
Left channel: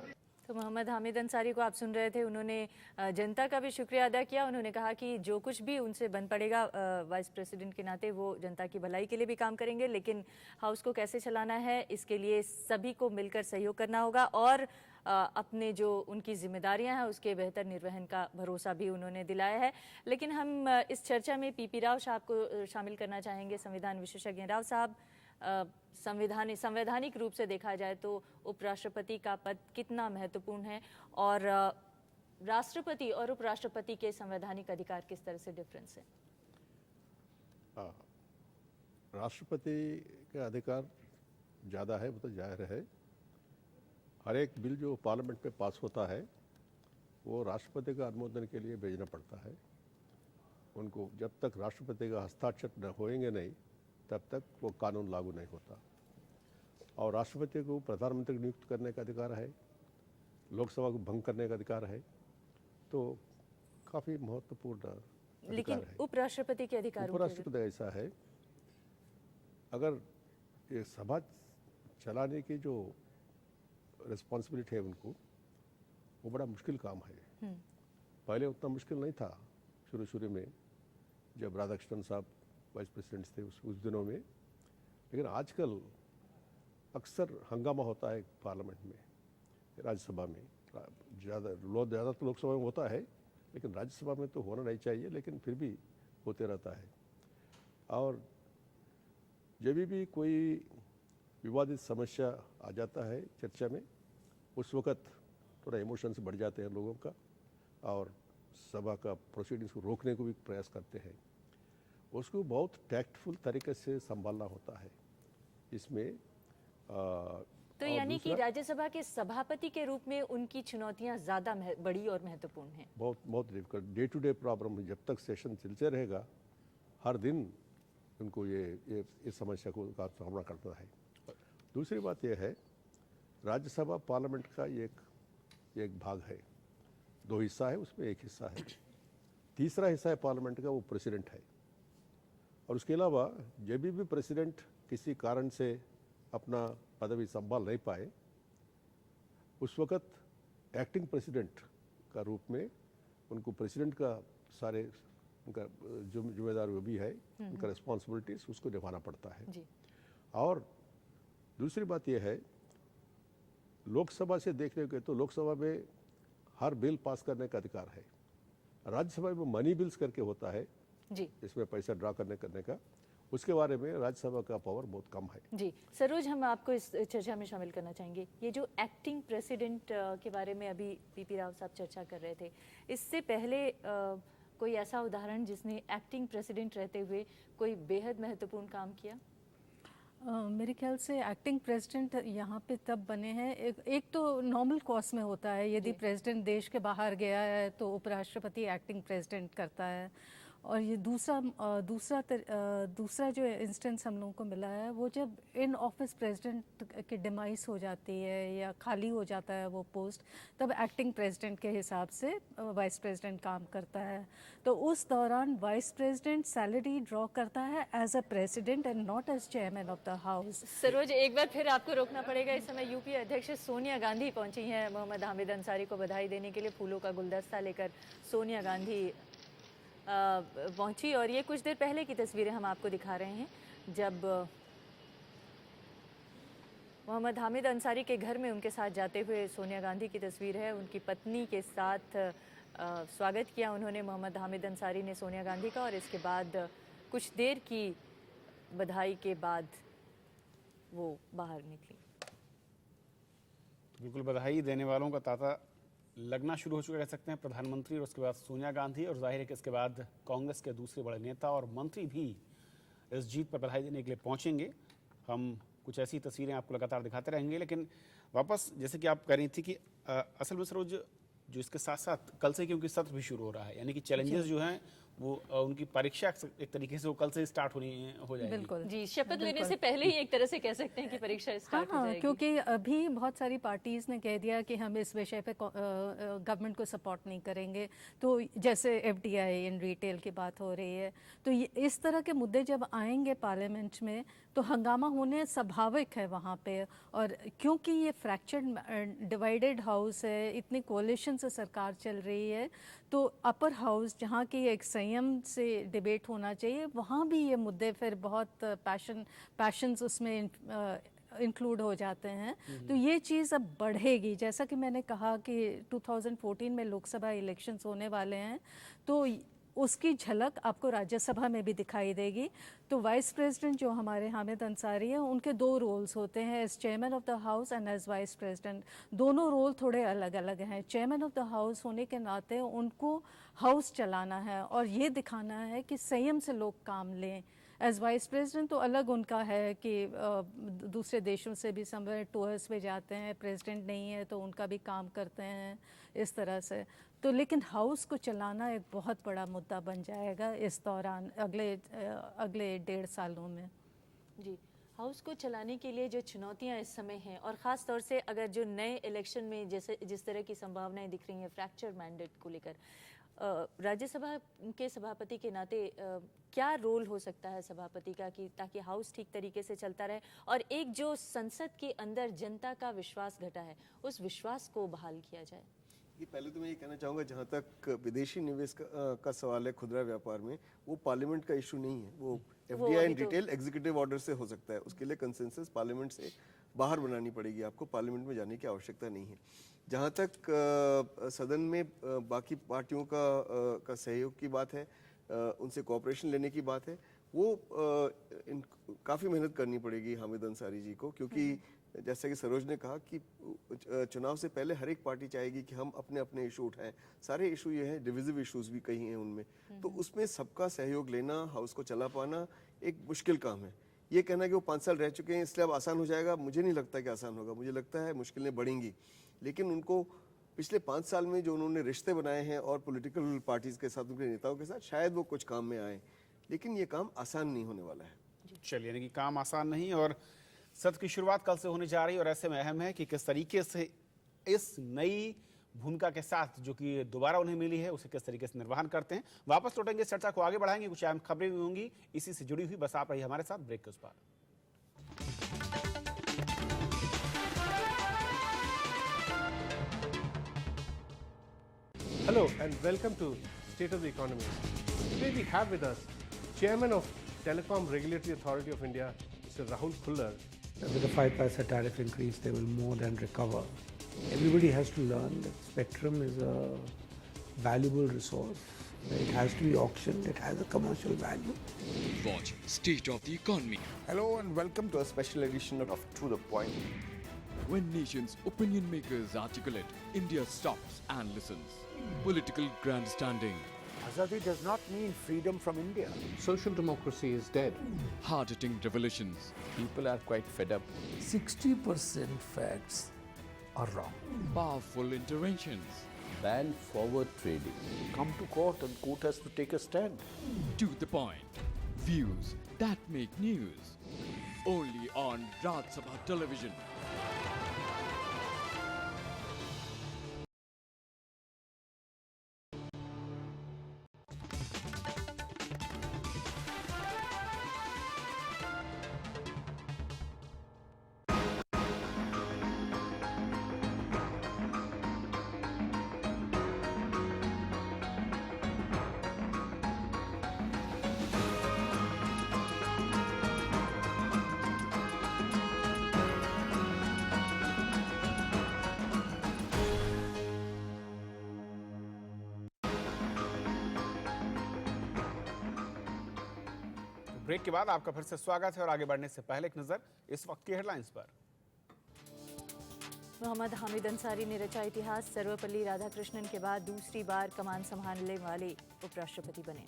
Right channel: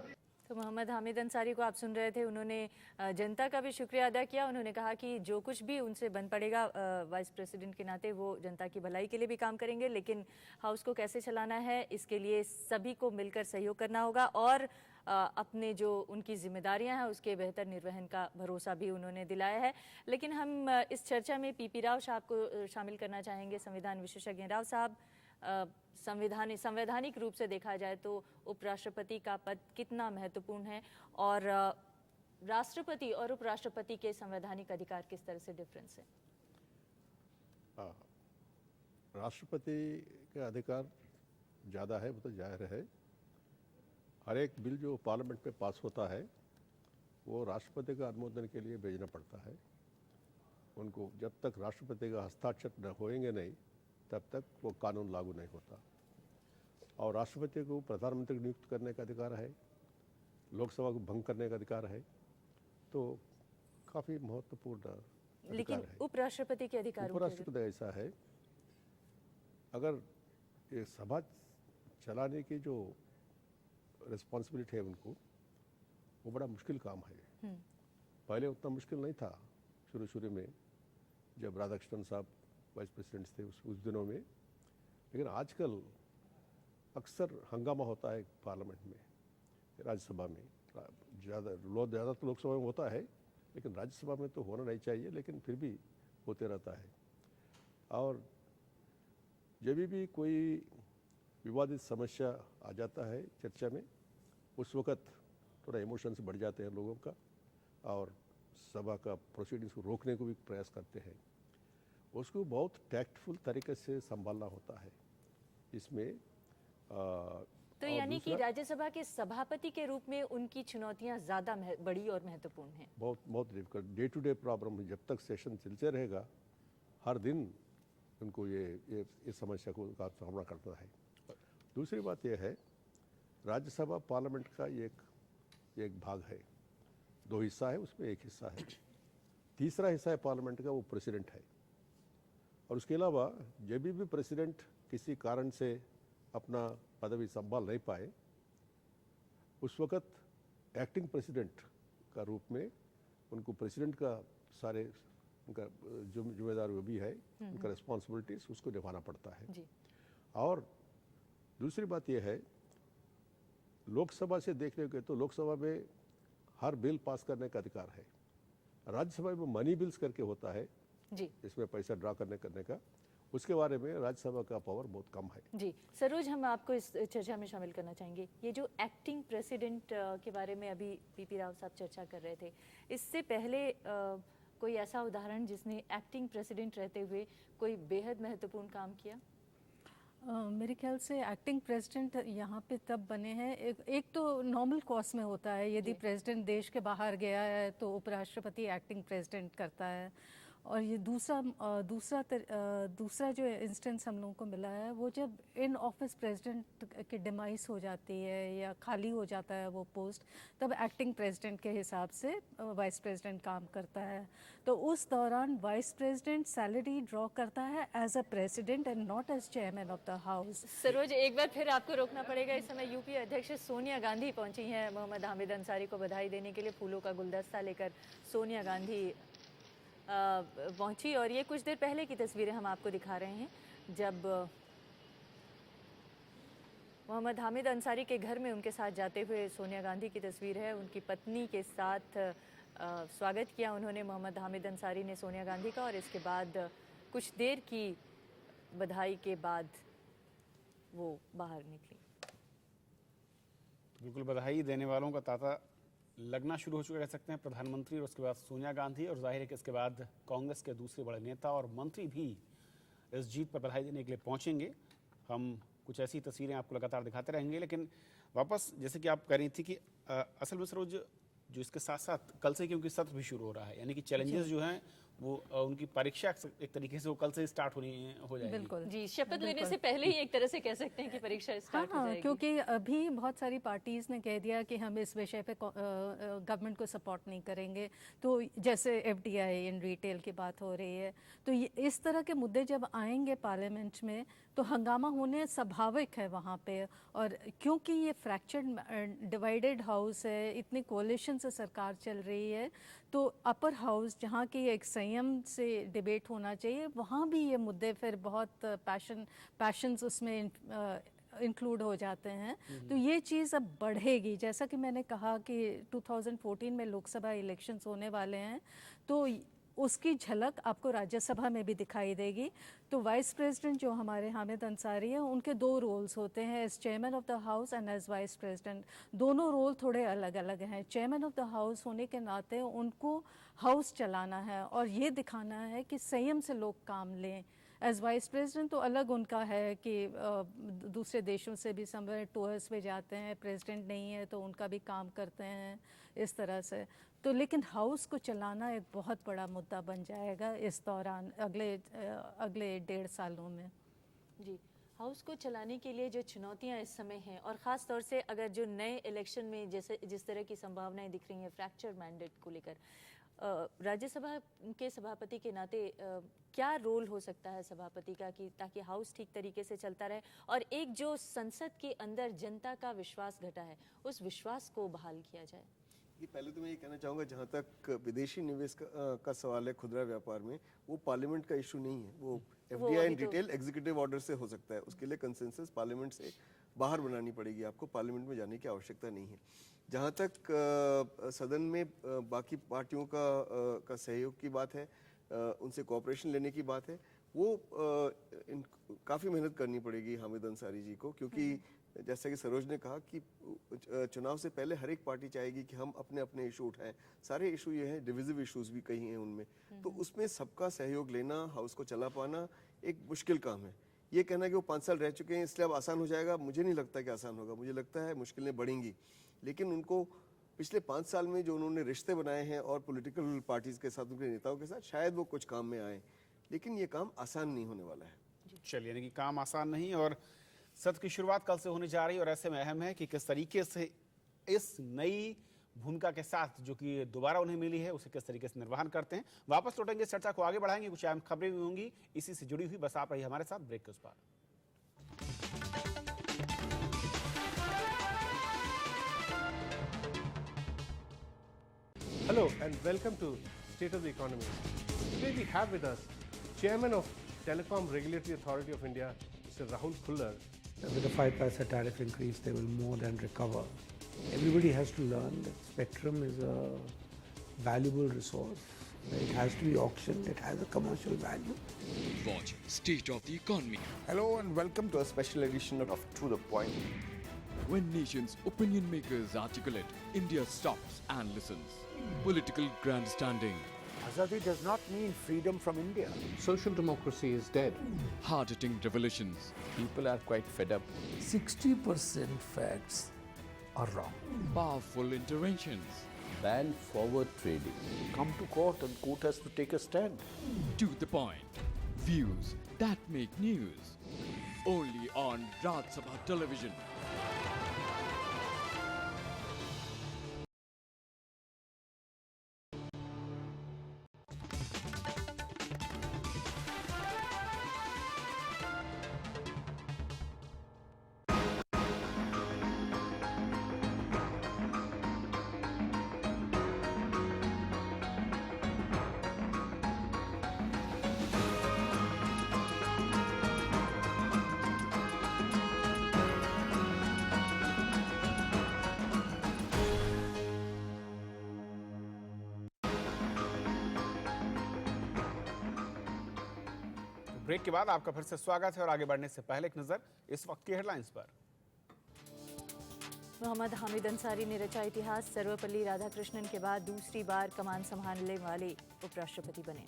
तो मोहम्मद हामिद अंसारी को आप सुन रहे थे। उन्होंने जनता का भी शुक्रिया अदा किया। उन्होंने कहा कि जो कुछ भी उनसे बन पड़ेगा वाइस प्रेसिडेंट के नाते वो जनता की भलाई के लिए भी काम करेंगे, लेकिन हाउस को कैसे चलाना है इसके लिए सभी को मिलकर सहयोग करना होगा और अपने जो उनकी जिम्मेदारियां हैं उसके बेहतर निर्वहन का भरोसा भी उन्होंने दिलाया है। लेकिन हम इस चर्चा में पीपी राव साहब को शामिल करना चाहेंगे, संविधान विशेषज्ञ राव साहब। संवैधानिक रूप से देखा जाए तो उपराष्ट्रपति का पद कितना महत्वपूर्ण है और राष्ट्रपति और उपराष्ट्रपति के संवैधानिक अधिकार किस तरह से डिफरेंस है? राष्ट्रपति के अधिकार ज़्यादा है, वो तो जाहिर है। हर एक बिल जो पार्लियामेंट में पास होता है वो राष्ट्रपति का अनुमोदन के लिए भेजना पड़ता है उनको। जब तक राष्ट्रपति का हस्ताक्षर न होएंगे नहीं तब तक वो कानून लागू नहीं होता। और राष्ट्रपति को प्रधानमंत्री नियुक्त करने का अधिकार है, लोकसभा को भंग करने का अधिकार है, तो काफी महत्वपूर्ण अधिकार लेकिन है। उपराष्ट्रपति के अधिकार उपराष्ट्रपति ऐसा है, अगर ये सभा चलाने की जो रिस्पॉन्सिबिलिटी है उनको, वो बड़ा मुश्किल काम है। पहले उतना मुश्किल नहीं था शुरू में जब राधाकृष्णन साहब वाइस प्रेसिडेंट थे उस दिनों में, लेकिन आजकल अक्सर हंगामा होता है पार्लियामेंट में, राज्यसभा में। ज़्यादा तो लोकसभा में होता है लेकिन राज्यसभा में तो होना नहीं चाहिए, लेकिन फिर भी होते रहता है। और जब भी कोई विवादित समस्या आ जाता है चर्चा में, उस वक़्त थोड़ा इमोशंस बढ़ जाते हैं लोगों का और सभा का प्रोसीडिंग्स को रोकने को भी प्रयास करते हैं। उसको बहुत टैक्टफुल तरीके से संभालना होता है इसमें। तो यानी कि राज्यसभा के सभापति के रूप में उनकी चुनौतियां ज्यादा बड़ी और महत्वपूर्ण हैं। बहुत difficult day to day problem, जब तक सेशन चलते रहेगा हर दिन उनको ये समस्या को सामना करना है। दूसरी बात यह है, राज्यसभा पार्लियामेंट का एक भाग है, दो हिस्सा है, उसमें एक हिस्सा है। तीसरा हिस्सा है पार्लियामेंट का, वो प्रेसिडेंट है। और उसके अलावा जब भी प्रेसिडेंट किसी कारण से अपना पदवी संभाल नहीं पाए, उस वक्त एक्टिंग प्रेसिडेंट का रूप में उनको प्रेसिडेंट का सारे उनका जिम्मेदार वो भी है, उनका रिस्पॉन्सिबिलिटीज उसको निभाना पड़ता है। और दूसरी बात यह है, लोकसभा से देखने के तो लोकसभा में हर बिल पास करने का अधिकार है। राज्यसभा में मनी बिल्स करके होता है जी, इसमें पैसा ड्रा करने का, उसके बारे में राज्यसभा का पावर बहुत कम है। जी सरोज, हम आपको इस चर्चा में शामिल करना चाहेंगे। ये जो एक्टिंग प्रेसिडेंट के बारे में अभी पीपी राव साहब चर्चा कर रहे थे, इससे पहले कोई ऐसा उदाहरण जिसने एक्टिंग प्रेसिडेंट रहते हुए कोई बेहद महत्वपूर्ण काम किया? मेरे ख्याल से एक्टिंग प्रेसिडेंट यहाँ पे तब बने हैं, एक तो नॉर्मल कोर्स में होता है, यदि प्रेसिडेंट देश के बाहर गया है तो उपराष्ट्रपति एक्टिंग प्रेसिडेंट करता है। और ये दूसरा जो इंस्टेंस हम लोगों को मिला है, वो जब इन ऑफिस प्रेसिडेंट की डिमाइस हो जाती है या खाली हो जाता है वो पोस्ट, तब एक्टिंग प्रेसिडेंट के हिसाब से वाइस प्रेसिडेंट काम करता है। तो उस दौरान वाइस प्रेसिडेंट सैलरी ड्रॉ करता है as a president and not as chairman of the house. Saroj, एक बार फिर आपको रोकना पड़ेगा। इस समय यूपी अध्यक्ष सोनिया गांधी पहुंची हैं मोहम्मद हामिद अंसारी को बधाई देने के लिए। फूलों का गुलदस्ता लेकर सोनिया गांधी पहुंची और ये कुछ देर पहले की तस्वीरें हम आपको दिखा रहे हैं, जब मोहम्मद हामिद अंसारी के घर में उनके साथ जाते हुए सोनिया गांधी की तस्वीर है। उनकी पत्नी के साथ स्वागत किया उन्होंने, मोहम्मद हामिद अंसारी ने सोनिया गांधी का, और इसके बाद कुछ देर की बधाई के बाद वो बाहर निकली। बिल्कुल, बधाई देने वालों का तांता लगना शुरू हो चुका कह सकते हैं। प्रधानमंत्री और उसके बाद सोनिया गांधी, और जाहिर है कि इसके बाद कांग्रेस के दूसरे बड़े नेता और मंत्री भी इस जीत पर बधाई देने के लिए पहुंचेंगे। हम कुछ ऐसी तस्वीरें आपको लगातार दिखाते रहेंगे, लेकिन वापस जैसे कि आप कह रही थी कि असल में सरोज जो इसके साथ साथ कल से क्योंकि सत्र भी शुरू हो रहा है, यानी कि चैलेंजेस जो हैं वो उनकी परीक्षा एक तरीके से वो कल से स्टार्ट हो जाएगी। बिल्कुल जी, शपथ लेने से पहले ही एक तरह से कह सकते हैं कि परीक्षा स्टार्ट हो हाँ, जाएगी। क्योंकि अभी बहुत सारी पार्टीज ने कह दिया कि हम इस विषय पे गवर्नमेंट को सपोर्ट नहीं करेंगे। तो जैसे एफडीआई इन रिटेल की बात हो रही है, तो इस तरह के मुद्दे जब आएंगे पार्लियामेंट में तो हंगामा होने स्वाभाविक है वहाँ पे। और क्योंकि ये फ्रैक्चर्ड डिवाइडेड हाउस है, इतनी कोalition से सरकार चल रही है, तो अपर हाउस जहाँ की एक संयम से डिबेट होना चाहिए, वहाँ भी ये मुद्दे फिर बहुत पैशंस उसमें इंक्लूड हो जाते हैं। तो ये चीज़ अब बढ़ेगी। जैसा कि मैंने कहा कि 2014 में लोकसभा इलेक्शंस होने वाले हैं, तो उसकी झलक आपको राज्यसभा में भी दिखाई देगी। तो वाइस प्रेसिडेंट जो हमारे हामिद अंसारी हैं, उनके दो रोल्स होते हैं, as chairman of the house and as vice president. दोनों रोल थोड़े अलग अलग हैं। चेयरमैन ऑफ द हाउस होने के नाते उनको हाउस चलाना है और ये दिखाना है कि संयम से लोग काम लें। एज वाइस प्रेसिडेंट तो अलग उनका है कि दूसरे देशों से भी समवेयर टूर्स पे जाते हैं, प्रेसिडेंट नहीं है तो उनका भी काम करते हैं इस तरह से। तो लेकिन हाउस को चलाना एक बहुत बड़ा मुद्दा बन जाएगा इस दौरान, अगले 1.5 सालों में। जी, हाउस को चलाने के लिए जो चुनौतियां इस समय हैं, और ख़ास तौर से अगर जो नए इलेक्शन में जैसे जिस तरह की संभावनाएं दिख रही हैं फ्रैक्चर मैंडेट को लेकर, राज्यसभा के सभापति के नाते क्या रोल हो सकता है सभापति का कि ताकि हाउस ठीक तरीके से चलता रहे और एक जो संसद के अंदर जनता का विश्वास घटा है उस विश्वास को बहाल किया जाए? पहले तो मैं ये कहना चाहूँगा, जहाँ तक विदेशी निवेश का सवाल है खुदरा व्यापार में, वो पार्लियामेंट का इशू नहीं है। वो FDI and retail executive order से हो सकता है। उसके लिए कंसेंसस पार्लियामेंट से बाहर बनानी पड़ेगी, आपको पार्लियामेंट में जाने की आवश्यकता नहीं है। जहाँ तक सदन में बाकी पार्टियों का सहयोग की बात है, उनसे कोऑपरेशन लेने की बात है, वो काफ़ी मेहनत करनी पड़ेगी हामिद अंसारी जी को, क्योंकि जैसे कि सरोज ने कहा कि चुनाव से पहले हर एक पार्टी चाहेगी कि हम अपने अपने इशू उठाएं। सारे इशू ये हैं, डिविजिव इश्यूज भी कई हैं उनमें, तो उसमें सबका सहयोग लेना, हाउस को चला पाना एक मुश्किल काम है। ये कहना कि वो 5 साल रह चुके हैं इसलिए अब आसान हो जाएगा, मुझे नहीं लगता कि आसान होगा। मुझे लगता है मुश्किलें बढ़ेंगी, लेकिन उनको पिछले 5 साल में जो उन्होंने रिश्ते बनाए हैं और पॉलिटिकल पार्टीज के साथ, उनके नेताओं के साथ, शायद वो कुछ काम में आए, लेकिन ये काम आसान नहीं होने वाला है। चलिए, यानी कि काम आसान नहीं, और सत्र की शुरुआत कल से होने जा रही है और ऐसे में अहम है कि किस तरीके से इस नई भूमिका के साथ जो कि दोबारा उन्हें मिली है उसे किस तरीके से निर्वहन करते हैं। वापस लौटेंगे, चर्चा को आगे बढ़ाएंगे, कुछ अहम खबरें भी होंगी इसी से जुड़ी हुई। बस आप रहिए हमारे साथ ब्रेक के उस पार। Hello and welcome to State of the Economy. Today we have with us Chairman of Telecom Regulatory Authority of India, Mr. Rahul Khullar. With the 5 paisa tariff increase, they will more than recover. Everybody has to learn that spectrum is a valuable resource. It has to be auctioned. It has a commercial value. Watch State of the Economy. Hello and welcome to a special edition of To The Point. When nation's opinion makers articulate, India stops and listens. Political grandstanding. Azadi does not mean freedom from India. Social democracy is dead. Hard-hitting revelations. People are quite fed up. 60% facts are wrong. Powerful interventions. Ban forward trading. Come to court and court has to take a stand. To the point. Views that make news. Only on Raj Sabha Television. Break के बाद आपका फिर से स्वागत है और आगे बढ़ने से पहले एक नजर इस वक्त की हेडलाइंस पर। मोहम्मद हामिद अंसारी ने रचा इतिहास, सर्वपल्ली राधाकृष्णन के बाद दूसरी बार कमान संभालने वाले उपराष्ट्रपति बने।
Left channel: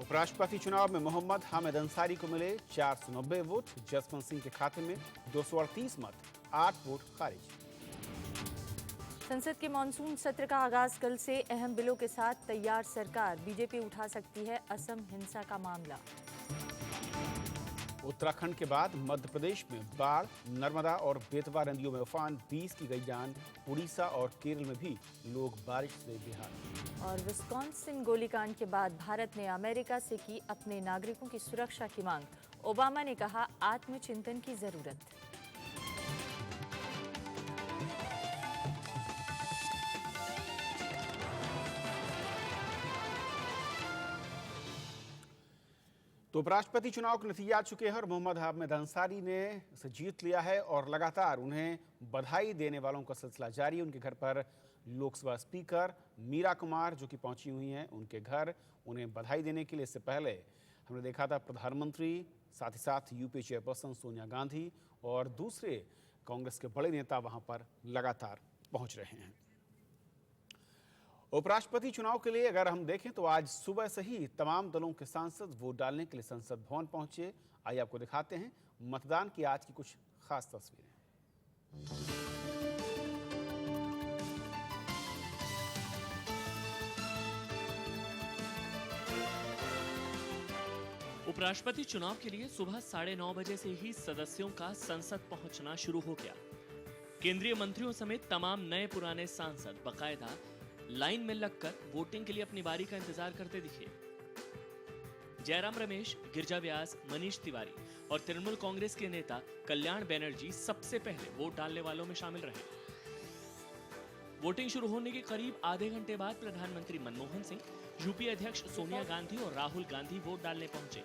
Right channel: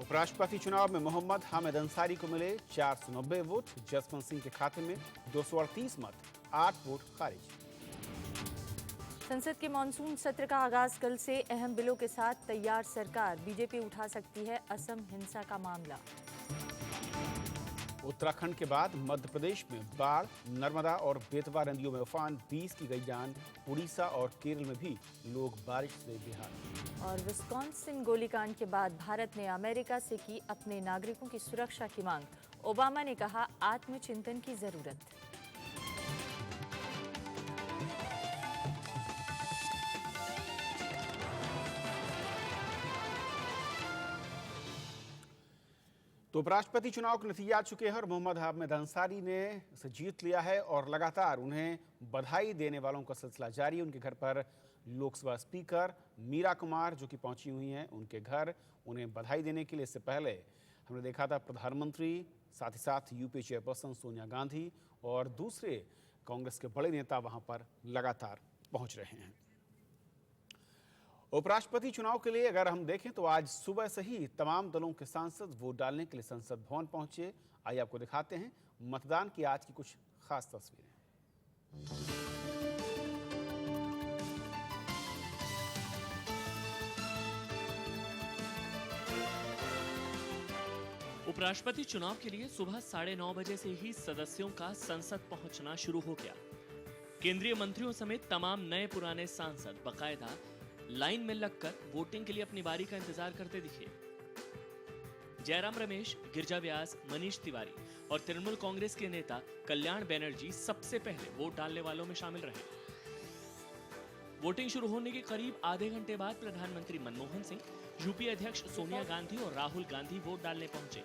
उपराष्ट्रपति चुनाव में मोहम्मद हामिद अंसारी को मिले 490 वोट, जसवंत सिंह के खाते में 238 मत, 8 वोट खारिज। संसद के मानसून सत्र का आगाज कल से। अहम बिलों के साथ तैयार सरकार। बीजेपी उठा सकती है असम हिंसा का मामला। उत्तराखंड के बाद मध्य प्रदेश में बाढ़, नर्मदा और बेतवा नदियों में उफान, 20 की गई जान। उड़ीसा और केरल में भी लोग बारिश से बेहाल। और विस्कॉन्सिन गोलीकांड के बाद भारत ने अमेरिका से की अपने नागरिकों की सुरक्षा की मांग। ओबामा ने कहा आत्मचिंतन की जरूरत। तो उपराष्ट्रपति चुनाव के नतीजे आ चुके हैं और मोहम्मद हामिद अंसारी ने इसे जीत लिया है और लगातार उन्हें बधाई देने वालों का सिलसिला जारी है। उनके घर पर लोकसभा स्पीकर मीरा कुमार जो कि पहुंची हुई हैं उनके घर उन्हें बधाई देने के लिए। इससे पहले हमने देखा था प्रधानमंत्री, साथ ही साथ यूपीए चेयरपर्सन सोनिया गांधी और दूसरे कांग्रेस के बड़े नेता वहां पर लगातार पहुंच रहे हैं। उपराष्ट्रपति चुनाव के लिए अगर हम देखें तो आज सुबह से ही तमाम दलों के सांसद वोट डालने के लिए संसद भवन पहुंचे। आइए आपको दिखाते हैं मतदान की आज की कुछ खास तस्वीरें। उपराष्ट्रपति चुनाव के लिए सुबह 9:30 बजे से ही सदस्यों का संसद पहुंचना शुरू हो गया। केंद्रीय मंत्रियों समेत तमाम नए पुराने सांसद बाकायदा लाइन में लगकर वोटिंग के लिए अपनी बारी का इंतजार करते दिखे। जयराम रमेश, गिरिजा व्यास, मनीष तिवारी और तृणमूल कांग्रेस के नेता कल्याण बनर्जी सबसे पहले वोट डालने वालों में शामिल रहे। वोटिंग शुरू होने के करीब आधे घंटे बाद प्रधानमंत्री मनमोहन सिंह, यूपीए अध्यक्ष सोनिया गांधी और राहुल गांधी वोट डालने पहुंचे।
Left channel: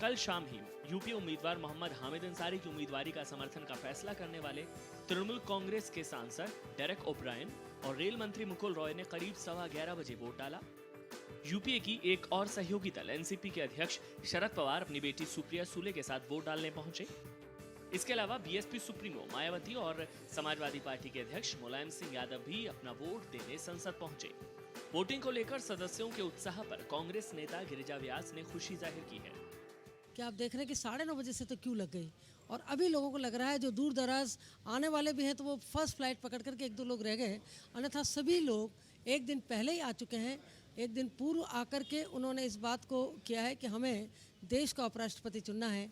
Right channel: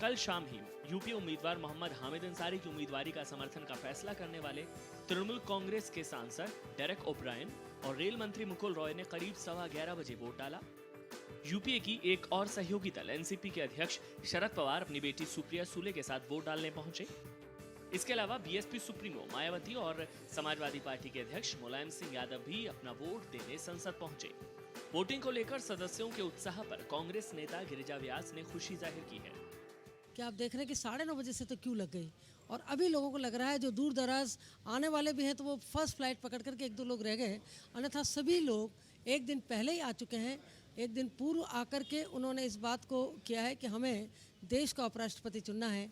कल शाम ही यूपी उम्मीदवार मोहम्मद हामिद अंसारी की उम्मीदवारी का समर्थन का फैसला करने वाले तृणमूल कांग्रेस के सांसद डेरेक ओब्रायन और रेल मंत्री मुकुल रॉय ने करीब 11:15 बजे वोट डाला। यूपीए की एक और सहयोगी दल एनसीपी के अध्यक्ष शरद पवार अपनी बेटी सुप्रिया सुले के साथ वोट डालने पहुंचे। इसके अलावा बीएसपी सुप्रीमो मायावती और समाजवादी पार्टी के अध्यक्ष मुलायम सिंह यादव भी अपना वोट देने संसद पहुंचे। वोटिंग को लेकर सदस्यों के उत्साह पर कांग्रेस नेता गिरिजा व्यास ने खुशी जाहिर की है। कि आप देख रहे हैं कि 9:30 बजे से तो क्यों लग गई और अभी लोगों को लग रहा है जो दूर दराज आने वाले भी हैं तो वो फर्स्ट फ्लाइट पकड़ करके 1-2 लोग रह गए, अन्यथा सभी लोग एक दिन पहले ही आ चुके हैं। एक दिन पूर्व आकर के उन्होंने इस बात को किया है कि हमें देश का उपराष्ट्रपति चुनना है।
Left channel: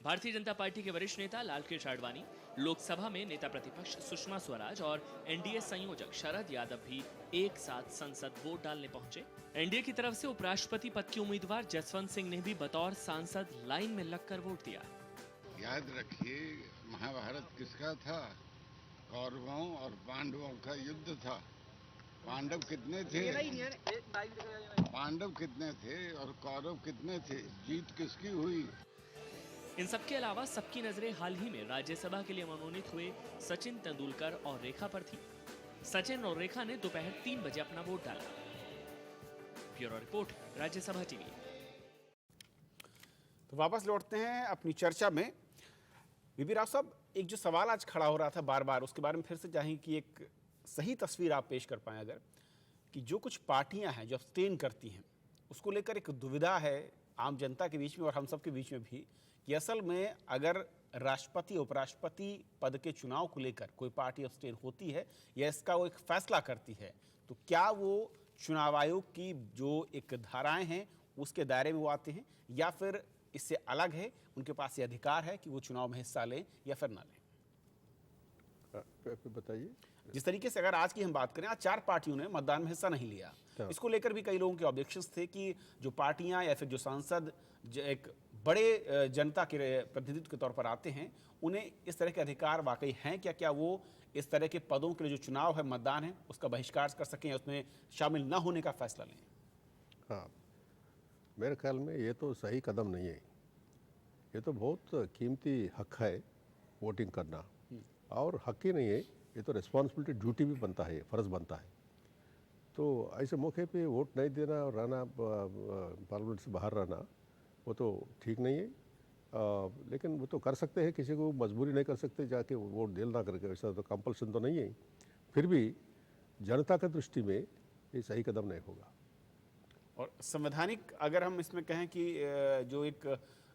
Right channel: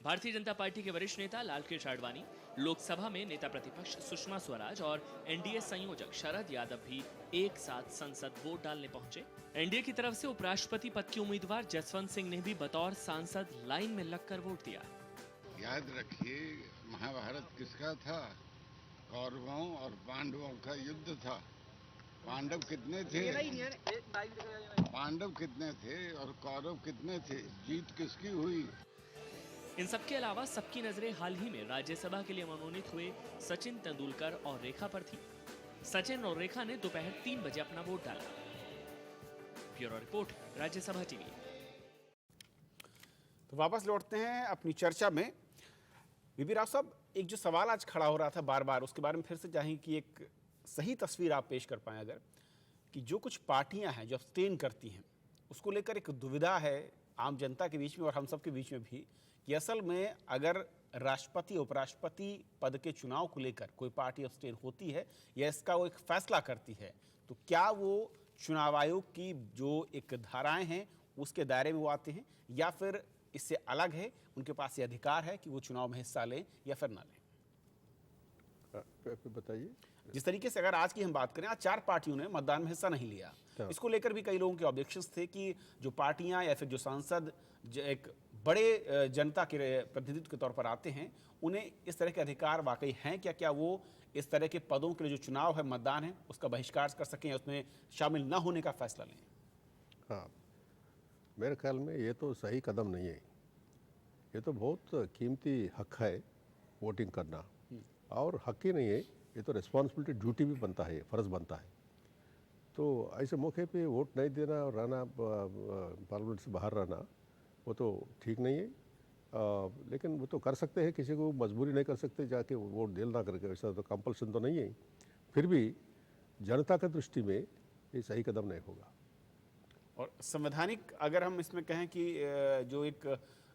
भारतीय जनता पार्टी के वरिष्ठ नेता लालकृष्ण आडवाणी, लोकसभा में नेता प्रतिपक्ष सुषमा स्वराज और एनडीए संयोजक शरद यादव भी एक साथ संसद वोट डालने पहुंचे। एनडीए की तरफ से उपराष्ट्रपति पद के उम्मीदवार जसवंत सिंह ने भी बतौर सांसद लाइन में लगकर वोट दिया। याद रखिए, महाभारत किसका था? कौरवों और पांडवों का युद्ध था। पांडव कितने थे? पांडव कितने थे और कौरव कितने थे? जीत किसकी हुई? इन सबके अलावा सबकी नजरें हाल ही में राज्यसभा के लिए मनोनीत हुए सचिन तेंदुलकर और रेखा पर थी। सचिन और रेखा ने दोपहर 3 बजे अपना वोट डाला। Bureau report, Rajya Sabha TV. तो वापस लौटते हैं अपनी चर्चा में। बीबी राव साहब, एक जो सवाल आज खड़ा हो रहा था बार बार, उसके बारे में फिर से चाहें कि एक सही तस्वीर आप पेश कर पाएं अगर, कि जो कुछ पार्टियां हैं जो अब्सटेन करती हैं उसको लेकर एक दुविधा है आम जनता के बीच में और हम सब के बीच में भी, कि असल में अगर राष्ट्रपति उपराष्ट्रपति पद के चुनाव को लेकर कोई पार्टी अब्सटेन होती है या इसका वो एक फैसला करती है तो क्या वो चुनाव आयोग की जो एक धाराएं हैं उसके दायरे में वो आते हैं या फिर इससे अलग है, उनके पास ये अधिकार है कि वो चुनाव में हिस्सा लें या फिर ना लें? बताइए। जिस तरीके से अगर आज की हम बात करें, आज 4 पार्टियों ने मतदान में हिस्सा नहीं लिया। इसको लेकर भी कई लोगों के ऑब्जेक्शंस थे कि जो पार्टियां या फिर जो सांसद एक बड़े जनता के प्रतिनिधित्व के तौर पर आते हैं उन्हें इस तरह के अधिकार वाकई हैं क्या? क्या वो इस तरह के पदों के लिए जो चुनाव है, मतदान है, उसका बहिष्कार कर सकें या उसमें शामिल न होने का फैसला लें? हाँ, मेरे ख्याल में ये तो सही कदम नहीं है। ये तो बहुत कीमती हक है वोटिंग करना, और हक ही नहीं है, ये तो रिस्पॉन्सिबिलिटी, ड्यूटी भी बनता है, फ़र्ज़ बनता है। तो ऐसे मौके पे वोट नहीं देना और रहना, पार्लियामेंट से बाहर रहना, वो तो ठीक नहीं है। लेकिन वो तो कर सकते हैं, किसी को मजबूरी नहीं कर सकते जाके वोट देना करके, ऐसा तो कंपल्सन तो नहीं है। फिर भी जनता की दृष्टि में ये सही कदम नहीं होगा। और संवैधानिक अगर हम इसमें कहें कि जो एक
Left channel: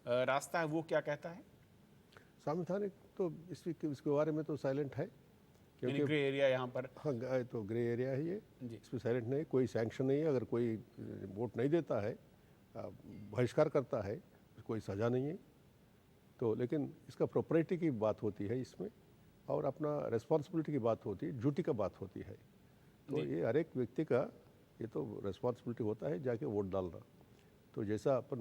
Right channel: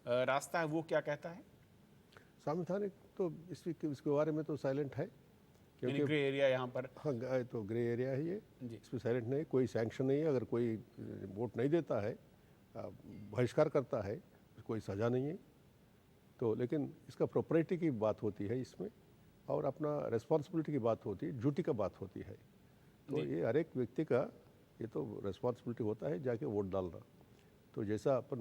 रास्ता है वो क्या कहता है? संवैधानिक तो इसके बारे में तो साइलेंट है, यानी ग्रे एरिया यहाँ पर। हाँ, तो ग्रे एरिया है ये, इसमें साइलेंट नहीं, कोई सैंक्शन नहीं है। अगर कोई वोट नहीं देता है, बहिष्कार करता है, कोई सज़ा नहीं है। तो लेकिन इसका प्रॉपर्टी की बात होती है इसमें, और अपना रिस्पॉन्सिबिलिटी की बात होती है, ड्यूटी का बात होती है। तो ये हर एक व्यक्ति का ये तो रिस्पॉन्सिबिलिटी होता है जाके वोट डालना। तो जैसा अपन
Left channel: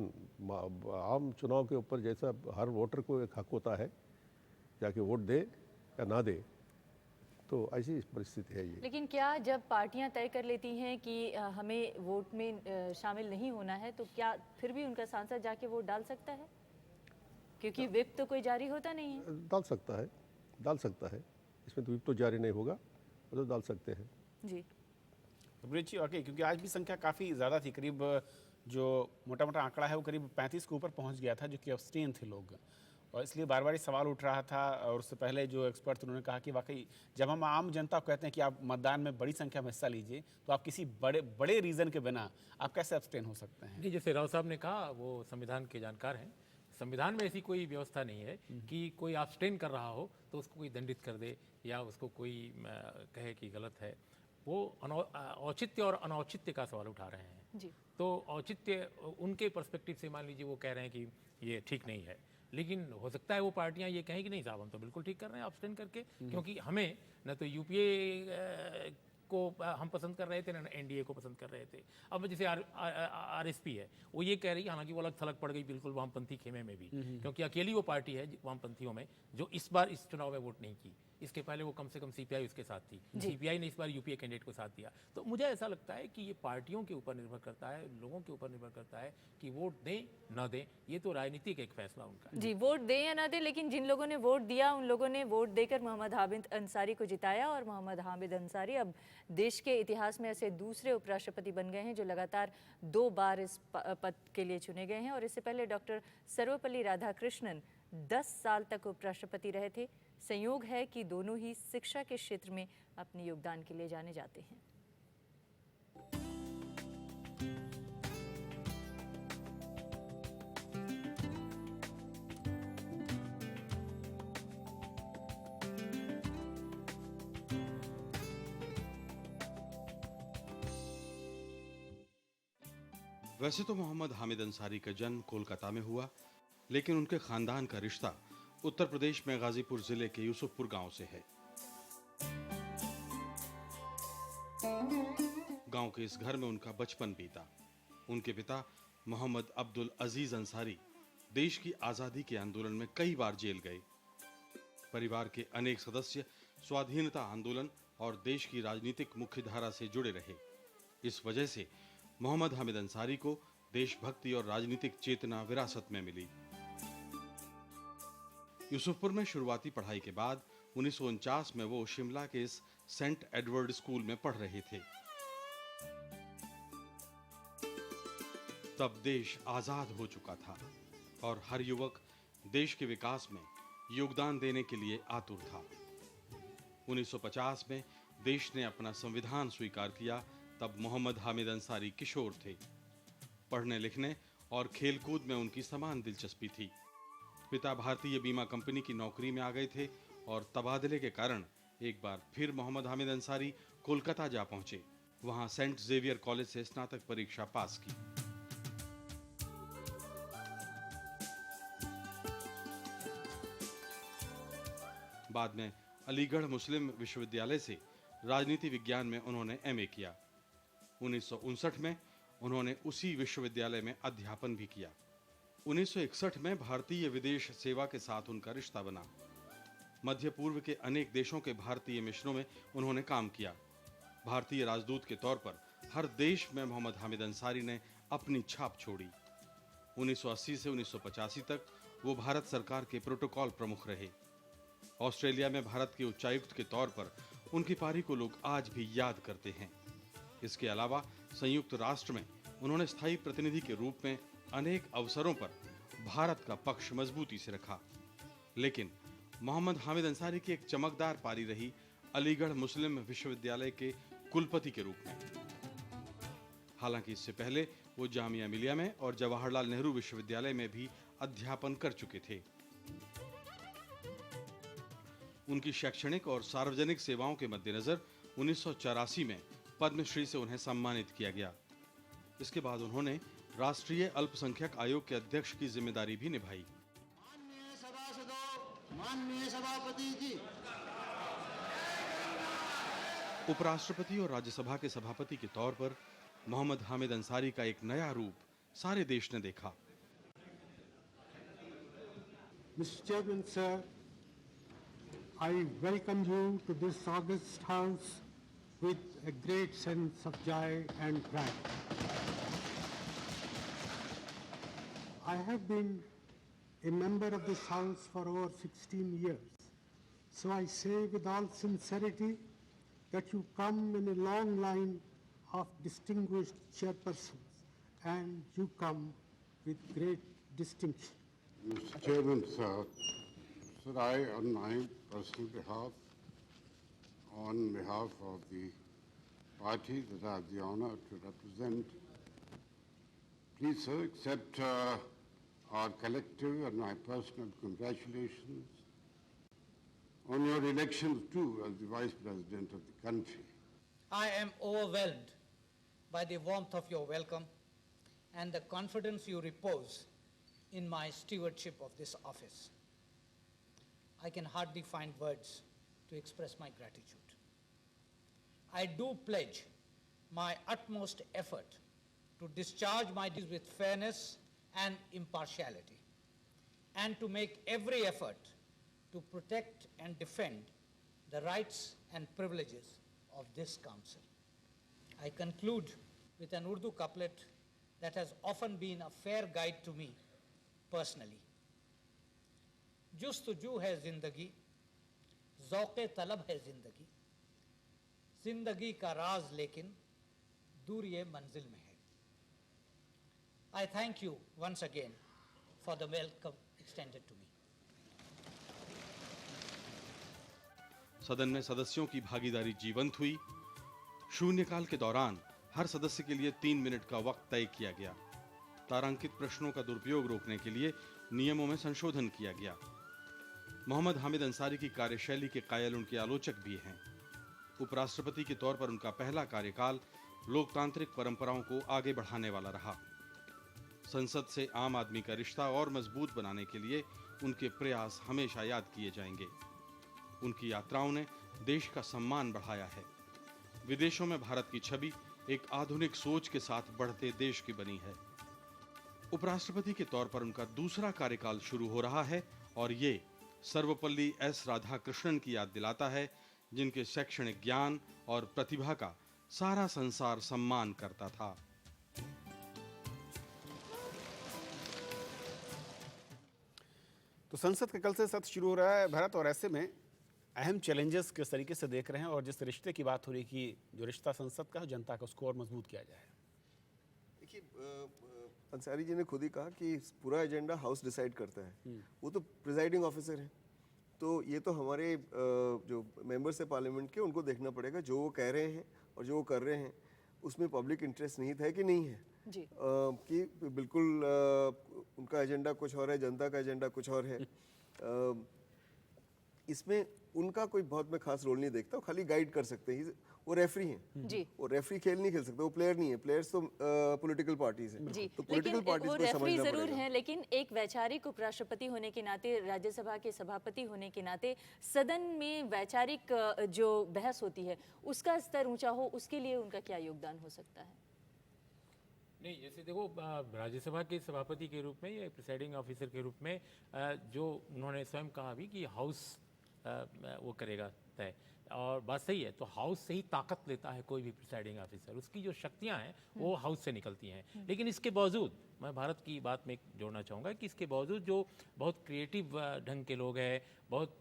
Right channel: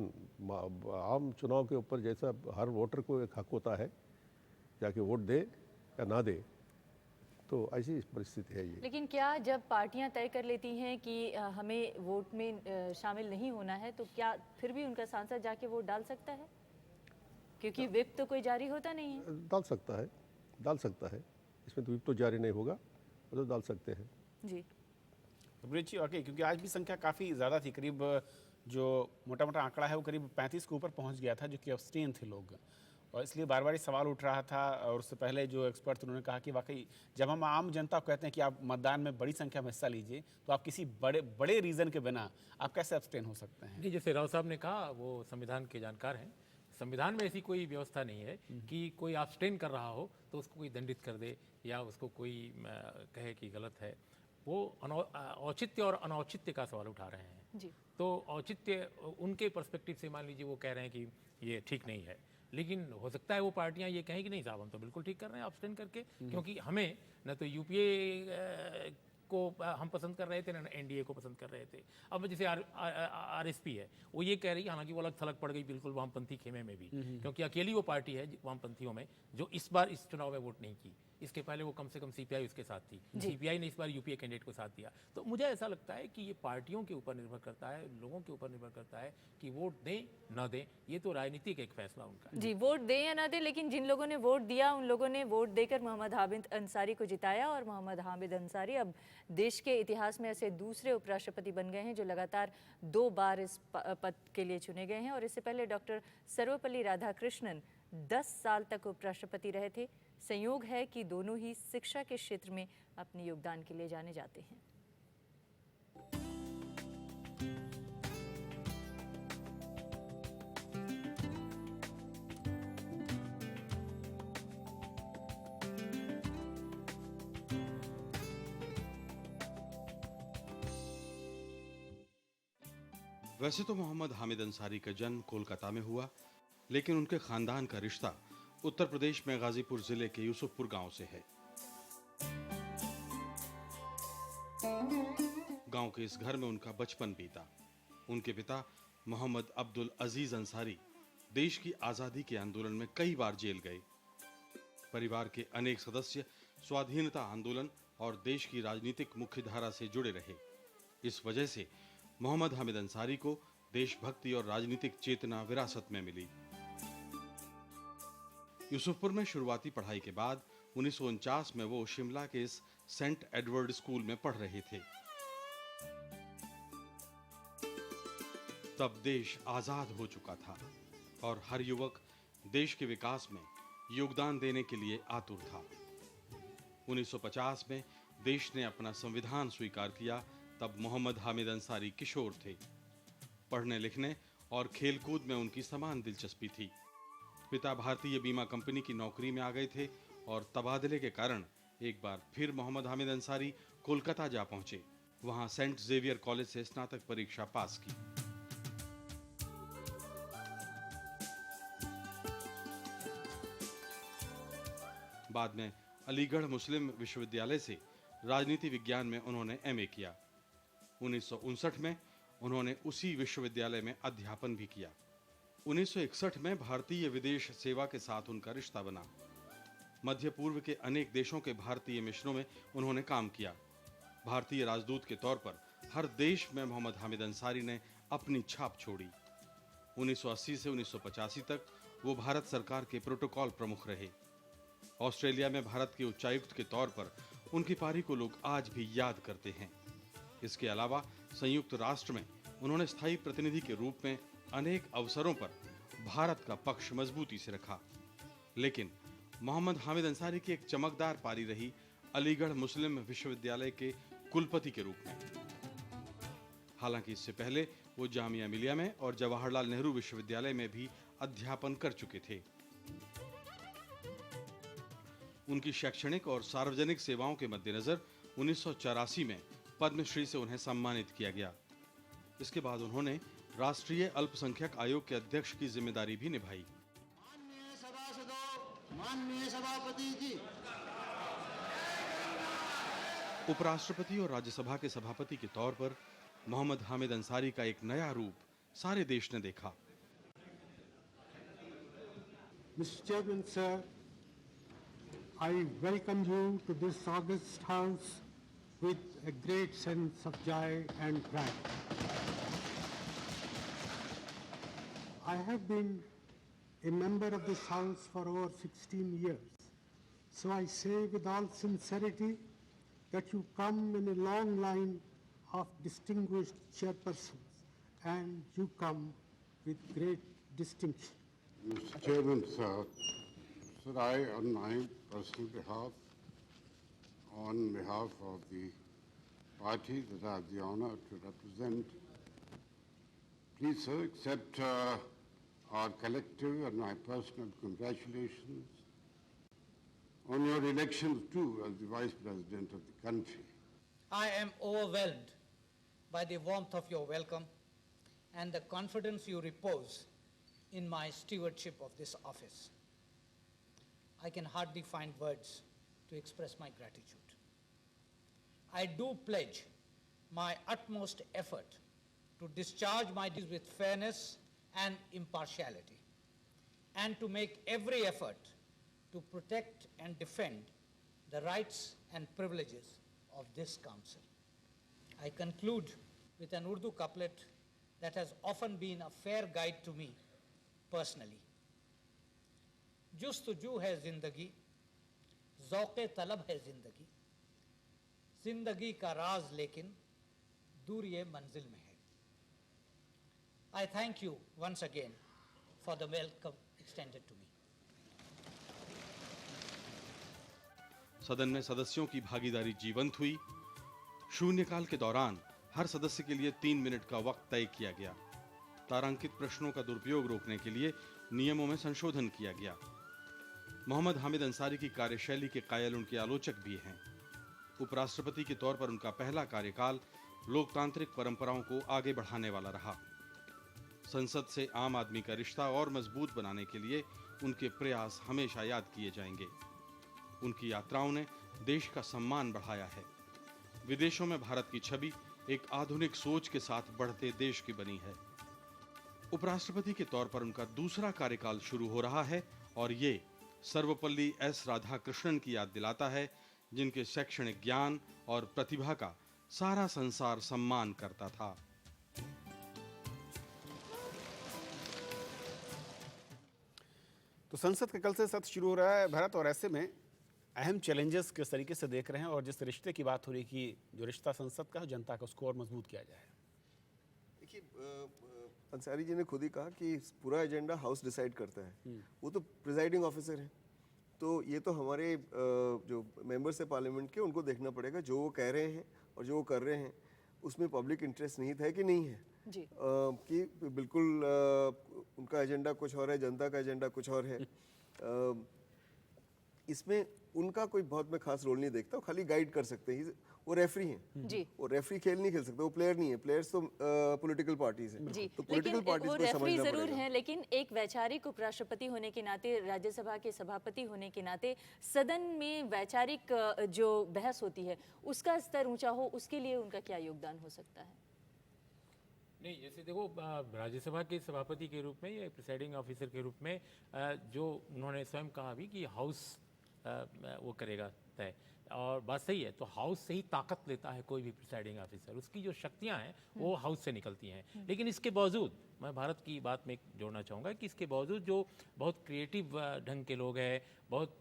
आम चुनाव के ऊपर जैसा हर वोटर को एक हक होता है जाके वोट दे या ना दे, तो ऐसी परिस्थिति है ये। लेकिन क्या जब पार्टियां तय कर लेती हैं कि हमें वोट में शामिल नहीं होना है, तो क्या फिर भी उनका सांसद जाके वोट डाल सकता है? क्योंकि विप तो कोई जारी होता नहीं है। डाल सकता है, इसमें तो विप तो जारी नहीं होगा, वो तो डाल सकते हैं जी। ब्रिज ओके, क्योंकि आज भी संख्या काफ़ी ज़्यादा थी, करीब जो मोटा मोटा आंकड़ा है वो करीब 35 के ऊपर पहुंच गया था, जो कि अब्सटेन थे लोग, और इसलिए बार बार सवाल उठ रहा था। और उससे पहले जो एक्सपर्ट उन्होंने कहा कि वाकई जब हम आम जनता को कहते हैं कि आप मतदान में बड़ी संख्या में हिस्सा लीजिए, तो आप किसी बड़े रीज़न के बिना आप कैसे अब्सटेन हो सकते हैं? नहीं, जैसे राव साहब ने कहा, वो संविधान के जानकार हैं। संविधान में ऐसी कोई व्यवस्था नहीं है कि कोई अब्सटेन कर रहा हो तो उसको कोई दंडित कर दे या उसको कोई कहे कि गलत है। वो औचित्य और अनौचित्य का सवाल उठा रहे हैं जी। तो औचित्य उनके पर्सपेक्टिव से मान लीजिए वो कह रहे हैं कि ये ठीक नहीं है, लेकिन हो सकता है वो पार्टियां ये कहें कि नहीं साहब, हम तो बिल्कुल ठीक कर रहे हैं अब्सटेन करके, क्योंकि हमें न तो यूपीए को हम पसंद कर रहे थे, ना एनडीए को पसंद कर रहे थे। अब जैसे आरएसपी है, वो ये कह रही है, हालांकि वो अलग थलग पड़ गई बिल्कुल वामपंथी खेमे में भी, क्योंकि अकेली वो पार्टी है वामपंथियों में जो इस बार इस चुनाव में वोट नहीं की। इसके पहले वो कम से कम सीपीआई उसके साथ थी, सीपीआई ने इस बार यूपीए कैंडिडेट को साथ दिया। तो मुझे ऐसा लगता है कि ये पार्टियों के ऊपर निर्भर करता है, लोगों के ऊपर निर्भर करता है कि वोट दें ना दें, ये तो राजनीतिक एक फैसला उनका है। जी, वोट दें या ना दें, लेकिन जिन लोगों ने वोट दिया उन लोगों ने वोट देकर मोहम्मद हामिद अंसारी को जिताया, और मोहम्मद हामिद अंसारी अब देश के इतिहास में ऐसे दूसरे उपराष्ट्रपति बन गए हैं जो लगातार 2 बार इस पद के लिए चुने गए हैं। और इससे पहले डॉक्टर सर्वपल्ली राधाकृष्णन 10 साल तक उपराष्ट्रपति रहे थे। संयोग है कि दोनों ही शिक्षा के क्षेत्र में अपने योगदान के लिए जाने जाते हैं। वैसे तो मोहम्मद हामिद अंसारी का जन्म कोलकाता में हुआ, लेकिन उनके खानदान का रिश्ता उत्तर प्रदेश में गाजीपुर जिले के यूसुफपुर गांव से है। गांव के इस घर में उनका बचपन बीता। उनके पिता मोहम्मद अब्दुल अजीज अंसारी देश की आजादी के आंदोलन में कई बार जेल गए। परिवार के अनेक सदस्य स्वाधीनता आंदोलन और देश की राजनीतिक मुख्यधारा से जुड़े रहे। इस वजह से मोहम्मद हामिद अंसारी को देशभक्ति और राजनीतिक चेतना विरासत में मिली। यूसुफपुर में शुरुआती पढ़ाई के बाद 1949 में वो शिमला के इस सेंट एडवर्ड स्कूल में पढ़ रहे थे। तब देश आजाद हो चुका था और हर युवक देश के विकास में योगदान देने के लिए आतुर था। 1950 में देश ने अपना संविधान स्वीकार किया। तब मोहम्मद हामिद अंसारी किशोर थे। पढ़ने लिखने और खेलकूद में उनकी समान दिलचस्पी थी। पिता भारतीय बीमा कंपनी की नौकरी में आ गए थे और तबादले के कारण एक बार फिर मोहम्मद हामिद अंसारी कोलकाता जा पहुंचे। वहां सेंट जेवियर कॉलेज से स्नातक परीक्षा पास की। बाद में अलीगढ़ मुस्लिम विश्वविद्यालय से राजनीति विज्ञान में उन्होंने एमए किया। 1959 में उन्होंने उसी विश्वविद्यालय में अध्यापन भी किया। 1961 में भारतीय विदेश सेवा के साथ उनका रिश्ता बना। मध्य पूर्व के अनेक देशों के भारतीय मिशनों में उन्होंने काम किया। भारतीय राजदूत के तौर पर हर देश में मोहम्मद हामिद अंसारी ने अपनी छाप छोड़ी। 1980 से 1985 तक वो भारत सरकार के प्रोटोकॉल प्रमुख रहे। ऑस्ट्रेलिया में भारत के उच्चायुक्त के तौर पर उनकी पारी को लोग आज भी याद करते हैं। इसके अलावा संयुक्त राष्ट्र में उन्होंने स्थायी प्रतिनिधि के रूप में अनेक अवसरों पर भारत का पक्ष मजबूती से रखा। लेकिन मोहम्मद हामिद अंसारी की एक चमकदार पारी रही अलीगढ़ मुस्लिम विश्वविद्यालय के कुलपति के रूप में। हालांकि इससे पहले वो जामिया मिलिया में और जवाहरलाल नेहरू विश्वविद्यालय में भी अध्यापन कर चुके थे। उनकी शैक्षणिक और सार्वजनिक सेवाओं के मद्देनजर 1984 में पद्मश्री से उन्हें सम्मानित किया गया। इसके बाद उन्होंने राष्ट्रीय अल्पसंख्यक आयोग के अध्यक्ष की जिम्मेदारी भी निभाई। माननीय सभापति जी, उपराष्ट्रपति और राज्यसभा के सभापति के तौर पर मोहम्मद हामिद अंसारी का एक नया रूप सारे देश ने देखा। Mr. Chairman, sir, I welcome you to this august house with a great sense of joy and pride. I have been a member of this house for over 16 years, so I say with all sincerity that you come in a long line of distinguished chairpersons, and you come with great distinction. Mr. Chairman, sir, I, on my personal behalf, on behalf of the party that I have the honor to represent, please, sir, accept our collective and my personal congratulations on your election too as the Vice President of the country. I am overwhelmed by the warmth of your welcome and the confidence you repose in my stewardship of this office. I can hardly find words to express my gratitude. I do pledge my utmost effort to discharge my duties with fairness and impartiality, and to make every effort to protect and defend the rights and privileges of this council. I conclude with an Urdu couplet that has often been a fair guide to me personally. जुस्तजू है जिंदगी, ज़ौक़े तलब है जिंदगी, जिंदगी का राज लेकिन दूर ये मंजिल में है. I thank you once again for the welcome extended to me. सदन में सदस्यों की भागीदारी जीवंत हुई। शून्यकाल के दौरान हर सदस्य के लिए 3 मिनट का वक्त तय किया गया। तारांकित प्रश्नों का दुरुपयोग रोकने के लिए नियमों में संशोधन किया गया। मोहम्मद हामिद अंसारी की कार्यशैली के कायल उनके आलोचक भी हैं। उपराष्ट्रपति के तौर पर उनका पहला कार्यकाल लोकतांत्रिक परंपराओं को आगे बढ़ाने वाला रहा। संसद से आम आदमी का रिश्ता और मजबूत बनाने के लिए उनके प्रयास हमेशा याद किए जाएंगे। उनकी यात्राओं ने देश का सम्मान बढ़ाया है। विदेशों में भारत की छवि एक आधुनिक सोच के साथ बढ़ते देश की बनी है। उपराष्ट्रपति के तौर पर उनका दूसरा कार्यकाल शुरू हो रहा है और ये सर्वपल्ली एस राधाकृष्णन की याद दिलाता है, जिनके शैक्षणिक ज्ञान और प्रतिभा का सारा संसार सम्मान करता था। तो संसद का कल से सत्र शुरू हो रहा है भारत, और ऐसे में अहम चैलेंजेस किस तरीके से देख रहे हैं, और जिस रिश्ते की बात हो रही कि जो रिश्ता संसद का जनता का उसको और मजबूत किया जाए। देखिए, अंसारी जी ने खुद ही कहा कि पूरा एजेंडा हाउस डिसाइड करता है। वो तो प्रिजाइडिंग ऑफिसर हैं, तो ये तो हमारे जो मेंबर्स है पार्लियामेंट के, उनको देखना पड़ेगा जो वो कह रहे हैं और जो वो कर रहे हैं उसमें पब्लिक इंटरेस्ट नहीं है कि नहीं है जी। कि बिल्कुल उनका एजेंडा कुछ और है, जनता का एजेंडा कुछ और है। इसमें उनका कोई बहुत मैं खास रोल नहीं देखता, वो खाली गाइड कर सकते हैं। वो रेफरी हैं जी। वो रेफरी खेल नहीं खेल सकते, वो प्लेयर नहीं है। प्लेयर्स तो पॉलिटिकल पार्टीज हैं, जी। तो पॉलिटिकल लेकिन पार्टीज वो को रेफरी समझना जरूर पड़ेगा। हैं, लेकिन एक वैचारिक उपराष्ट्रपति होने के नाते, राज्यसभा के सभापति होने के नाते सदन में वैचारिक जो बहस होती है उसका स्तर ऊंचा हो, उसके लिए उनका क्या योगदान हो सकता है? नहीं, जैसे देखो, राज्यसभा के सभापति के रूप में या प्रिसाइडिंग ऑफिसर के रूप में जो उन्होंने स्वयं कहा भी कि हाउस वो करेगा तय, और बात सही है। तो हाउस से ही ताकत लेता है कोई भी प्रिसाइडिंग ऑफिसर, उसकी जो शक्तियां हैं वो हाउस से निकलती हैं। लेकिन इसके बावजूद मैं भारत की बात में जोड़ना चाहूँगा कि इसके बावजूद जो बहुत क्रिएटिव ढंग के लोग हैं, बहुत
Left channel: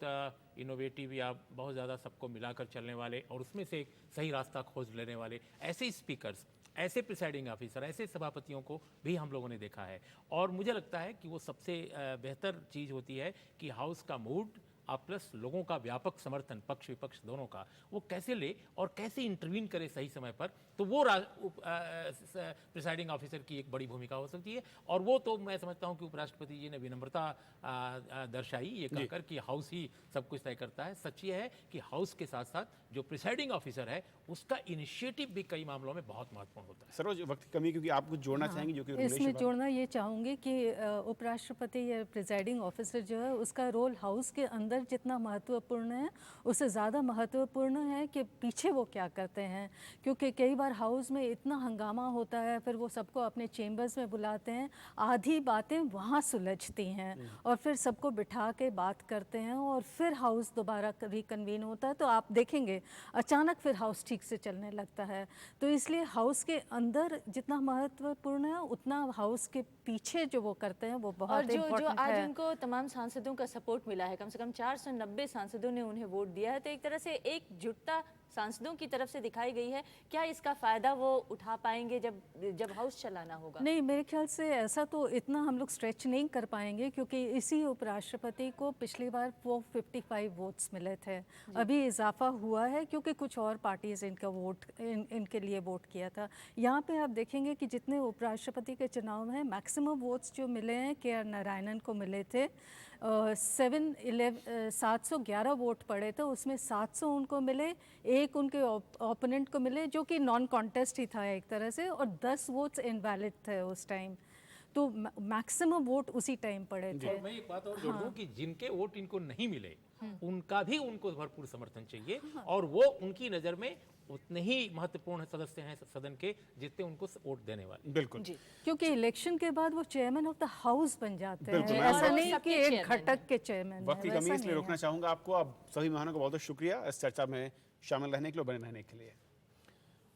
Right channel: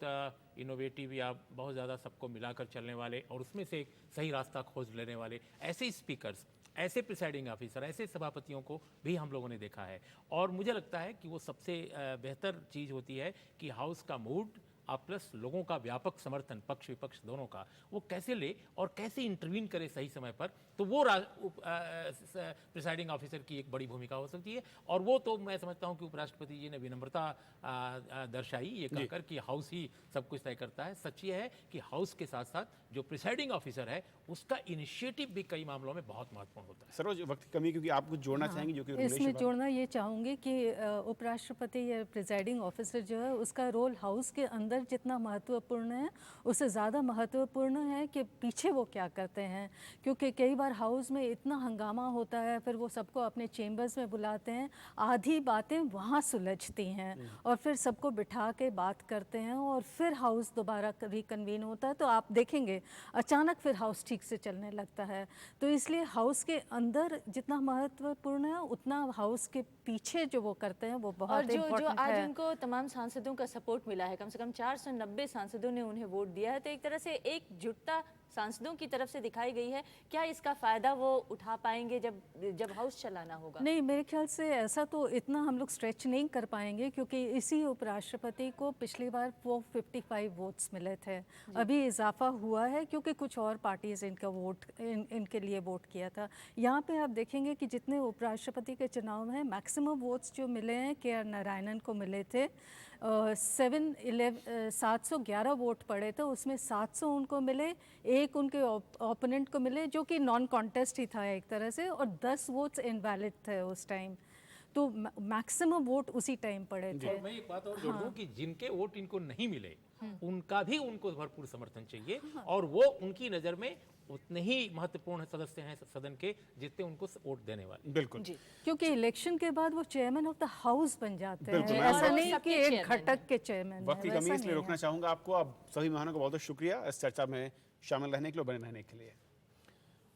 इनोवेटिव या बहुत ज़्यादा सबको मिलाकर चलने वाले और उसमें से एक सही रास्ता खोज लेने वाले ऐसे स्पीकर्स, ऐसे प्रिसाइडिंग ऑफिसर, ऐसे सभापतियों को भी हम लोगों ने देखा है। और मुझे लगता है कि वो सबसे बेहतर चीज़ होती है कि हाउस का मूड प्लस लोगों का व्यापक समर्थन, पक्ष विपक्ष दोनों का, वो कैसे ले और कैसे इंटरवीन करे सही समय पर, तो वो प्रिसाइडिंग ऑफिसर की एक बड़ी भूमिका हो सकती है। और वो तो मैं समझता हूँ कि उपराष्ट्रपति जी ने विनम्रता दर्शाई ये कहकर कि हाउस ही सब कुछ तय करता है। सच ये है कि हाउस के साथ साथ जो प्रिसाइडिंग ऑफिसर है उसका इनिशिएटिव भी कई मामलों में बहुत महत्वपूर्ण होता है। सरोज, वक्त की कमी क्योंकि आप कुछ जोड़ना चाहेंगे जो कि इसमें जोड़ना ये चाहूँगी कि उपराष्ट्रपति या प्रिसाइडिंग ऑफिसर जो है उसका रोल हाउस के अंदर जितना महत्वपूर्ण है उससे ज़्यादा महत्वपूर्ण है कि पीछे वो क्या करते हैं, क्योंकि कई बार हाउस में इतना हंगामा होता है, फिर वो सबको अपने चेम्बर्स में बुलाते हैं, आधी बातें वहाँ सुलझती हैं और फिर सबको बिठा के बात करते हैं और फिर हाउस दोबारा रिकन्वीन होता है, तो आप देखेंगे अचानक फिर हाउस ठीक से चलने लगता है। तो इसलिए हाउस के अंदर जितना महत्वपूर्ण है उतना हाउस के पीछे जो वो करते हैं वो बहुत जो आज उनको तमाम सांसदों का सपोर्ट मिला है, कम से कम 490 सांसदों ने उन्हें वोट दिया है, तो एक तरह से एकजुटता सांसदों की तरफ से दिखाई गई है। क्या इसका फायदा वो उठा पाएंगे जब हाउस चलाना होगा? नहीं, मेरे ख्याल से ऐसा तो इतना हम लोग स्ट्रेच नहीं कर पाएंगे, क्योंकि इसी उपराष्ट्रपति को पिछली बार वो 55 वोट्स मिले थे। अभी इजाफा हुआ है क्योंकि कुछ और पार्टीज इनके लिए वोट किया था। यहाँ पे आप देखेंगे कि जितने उपराष्ट्रपति के चुनाव में मैक्सिमम वोट्स जो मिले हैं KR नारायणन को मिले थे। 711 वोट पड़े थे, उसमें 700 उनको मिले, एक उनके ओपोनेंट को मिले जो कि नॉन कॉन्टेस्ट ही था एक तरह से, और 10 वोट्स इनवैलिड थे उस टाइम। तो मैक्सिमम वोट उसी टाइम पड़े थे। मैं एक बात और जोड़ दूं कि जिनके वोट इनको नहीं मिले उनका भी उनको भरपूर समर्थन चाहिए, और वो उनकी नज़र में उतने ही महत्वपूर्ण सदस्य हैं सदन के जितने उनको वोट देने वाले। बिल्कुल, क्योंकि इलेक्शन के बाद वो चेयरमैन ऑफ द हाउस बन जाते हैं, बिल्कुल। ऐसा नहीं कि एक घटक के चेयरमैन। वक्त की कमी इसलिए रोकना चाहूंगा आपको। अब सभी मेहमानों का बहुत बहुत शुक्रिया इस चर्चा में शामिल रहने के लिए, बने रहने के लिए।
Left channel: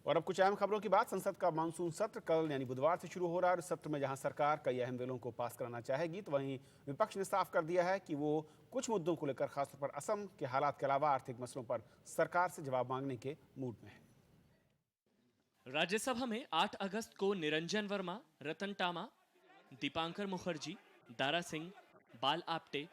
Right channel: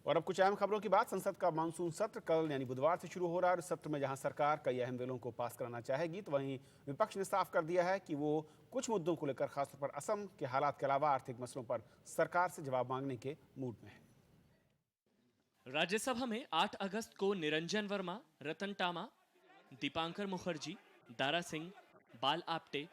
और अब कुछ अहम खबरों की बात। संसद का मानसून सत्र कल यानी बुधवार से शुरू हो रहा है। इस सत्र में जहां सरकार कई अहम बिलों को पास कराना चाहेगी, तो वहीं विपक्ष ने साफ कर दिया है कि वो कुछ मुद्दों को लेकर खासतौर पर असम के हालात के अलावा आर्थिक मसलों पर सरकार से जवाब मांगने के मूड में है। राज्यसभा में 8 अगस्त को निरंजन वर्मा, रतन टामा, दीपांकर मुखर्जी, दारा सिंह, बाल आप्टे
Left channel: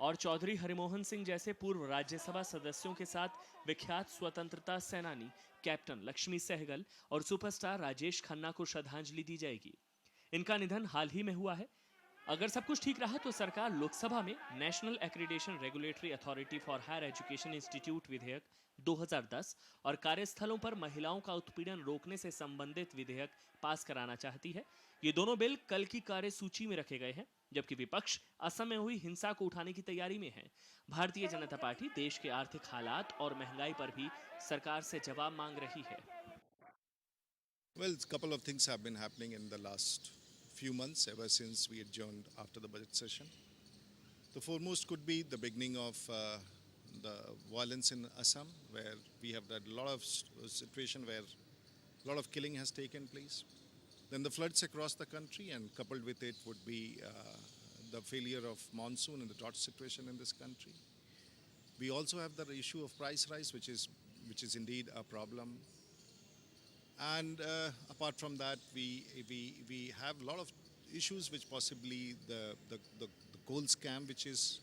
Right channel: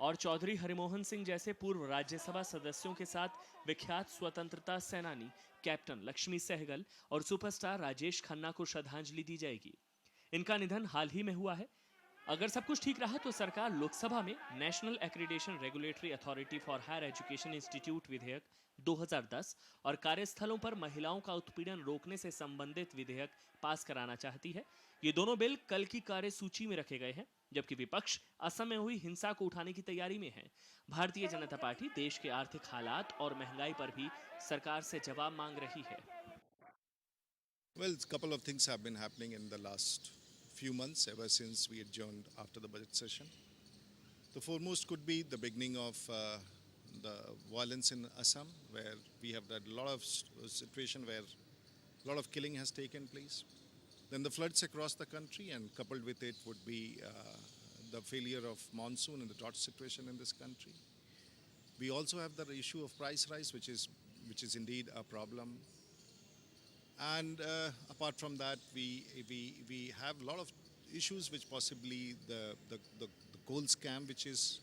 और चौधरी हरिमोहन सिंह जैसे पूर्व राज्यसभा सदस्यों के साथ विख्यात स्वतंत्रता सेनानी कैप्टन लक्ष्मी सहगल और सुपरस्टार राजेश खन्ना को श्रद्धांजलि दी जाएगी। इनका निधन हाल ही में हुआ है। अगर सब कुछ ठीक रहा तो सरकार लोकसभा में national accreditation regulatory authority for higher education institute विधेयक 2010 और कार्यस्थलों पर महिलाओं का उत्पीड़न रोकने से संबंधित विधेयक पास कराना चाहती है। ये दोनों बिल कल की कार्यसूची में रखे गए हैं, जबकि विपक्ष असम में हुई हिंसा को उठाने की तैयारी में है। भारतीय जनता पार्टी देश के आर्थिक हालात और महंगाई पर भी सरकार से जवाब मांग रही है। Well, a couple of things have been happening in the last few months ever since we adjourned after the budget session. The foremost could be the beginning of the violence in Assam, where we have had a lot of situation where a lot of killing has taken place. Then the floods across the country, and coupled with it would be the failure of monsoon and the drought situation in this country. We also have the issue of price rise, which is indeed a problem. And apart from that, we have a lot of issues which possibly the coal scam,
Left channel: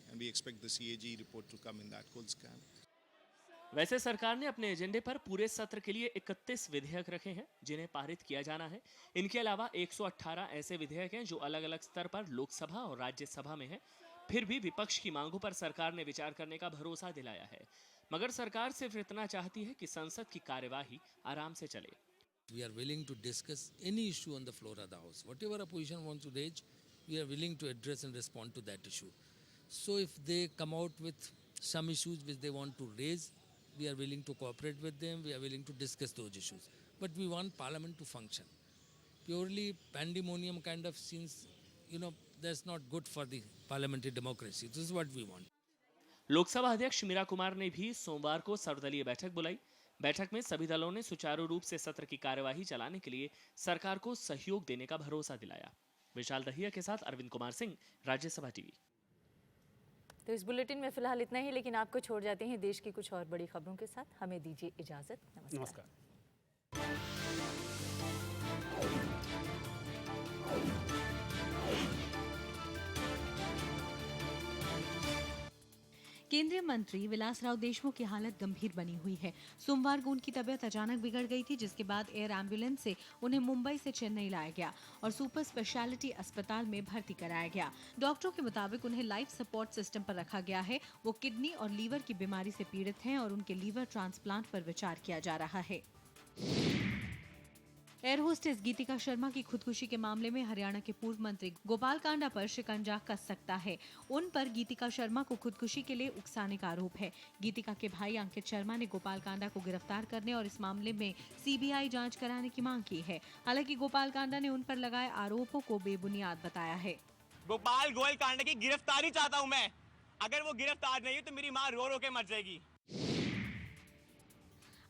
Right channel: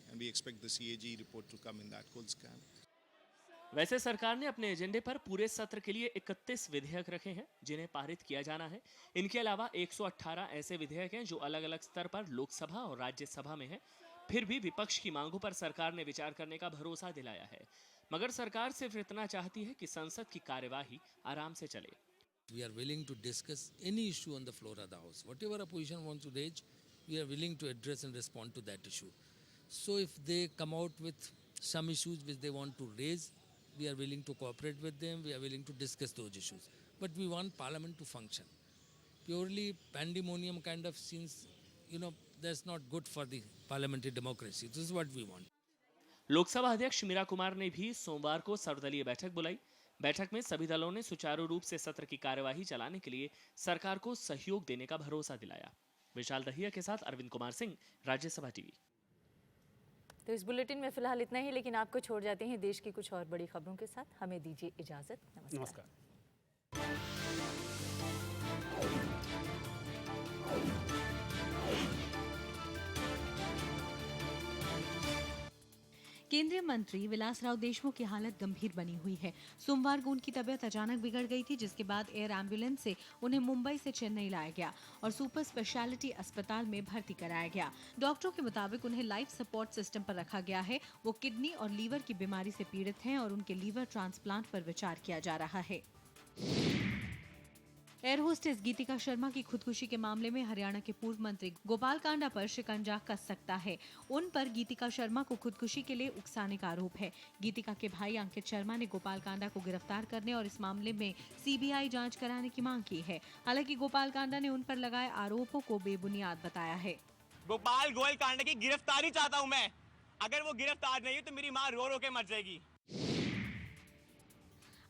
and we expect the CAG report to come in that coal scam. वैसे सरकार ने अपने एजेंडे पर पूरे सत्र के लिए 31 विधेयक रखे हैं जिन्हें पारित किया जाना है। इनके अलावा 118 ऐसे विधेयक हैं जो अलग अलग स्तर पर लोकसभा और राज्यसभा में हैं। फिर भी विपक्ष की मांगों पर सरकार ने विचार करने का भरोसा दिलाया है, मगर सरकार सिर्फ इतना चाहती है कि संसद की कार्यवाही आराम से चले। We are willing to discuss any issue on the floor of the House. Whatever opposition wants to raise, we are willing to address and respond to that issue. So if they come out with some issues which they want to raise, we are willing to cooperate with them, we are willing to discuss those issues. But we want Parliament to function. Purely pandemonium kind of scenes, that's not good for the parliamentary democracy. This is what we want. Lok Sabha अध्यक्ष मीरा कुमार ने भी सोमवार को सर्वदलीय बैठक बुलाई। बैठक में सभी दलों ने सुचारू रूप से सत्र की कार्यवाही चलाने के लिए सरकार को सहयोग देने का भरोसा दिलाया। विशाल दहिया के साथ अरविंद कुमार सिंह, राज्यसभा टीवी। तो इस बुलेटिन में फिलहाल इतना ही, लेकिन आपको छोड़ जाते हैं देश की कुछ और बड़ी खबरों के साथ। हमें दीजिए इजाजत। नमस्कार। केंद्रीय मंत्री विलासराव देशमुख की हालत गंभीर बनी हुई है। सोमवार को उनकी तबीयत अचानक बिगड़ गई थी, जिसके बाद एयर एम्बुलेंस से उन्हें मुंबई से चेन्नई लाया गया और सुपर स्पेशलिटी अस्पताल में भर्ती कराया गया। डॉक्टरों के मुताबिक उन्हें लाइफ सपोर्ट सिस्टम पर रखा गया है। वो किडनी और लीवर की बीमारी से पीड़ित हैं और उनके लीवर ट्रांसप्लांट पर विचार किया जा रहा है। एयर होस्टेस गीतिका शर्मा की खुदकुशी के मामले में हरियाणा के पूर्व मंत्री गोपाल कांडा पर शिकंजा कस सकता है। उन पर गीतिका शर्मा को खुदकुशी के लिए उकसाने का आरोप है। गीतिका के भाई अंकित शर्मा ने गोपाल कांडा को गिरफ्तार करने और इस मामले में सीबीआई जांच कराने की मांग की है। हालांकि गोपाल कांडा ने उन पर लगाए आरोपों को बेबुनियाद बताया है। गोपाल गोयल कांडा की गिरफ्तारी चाहता हूँ मैं। अगर वो गिरफ्तार नहीं है तो मेरी माँ रो रो के मर जाएगी।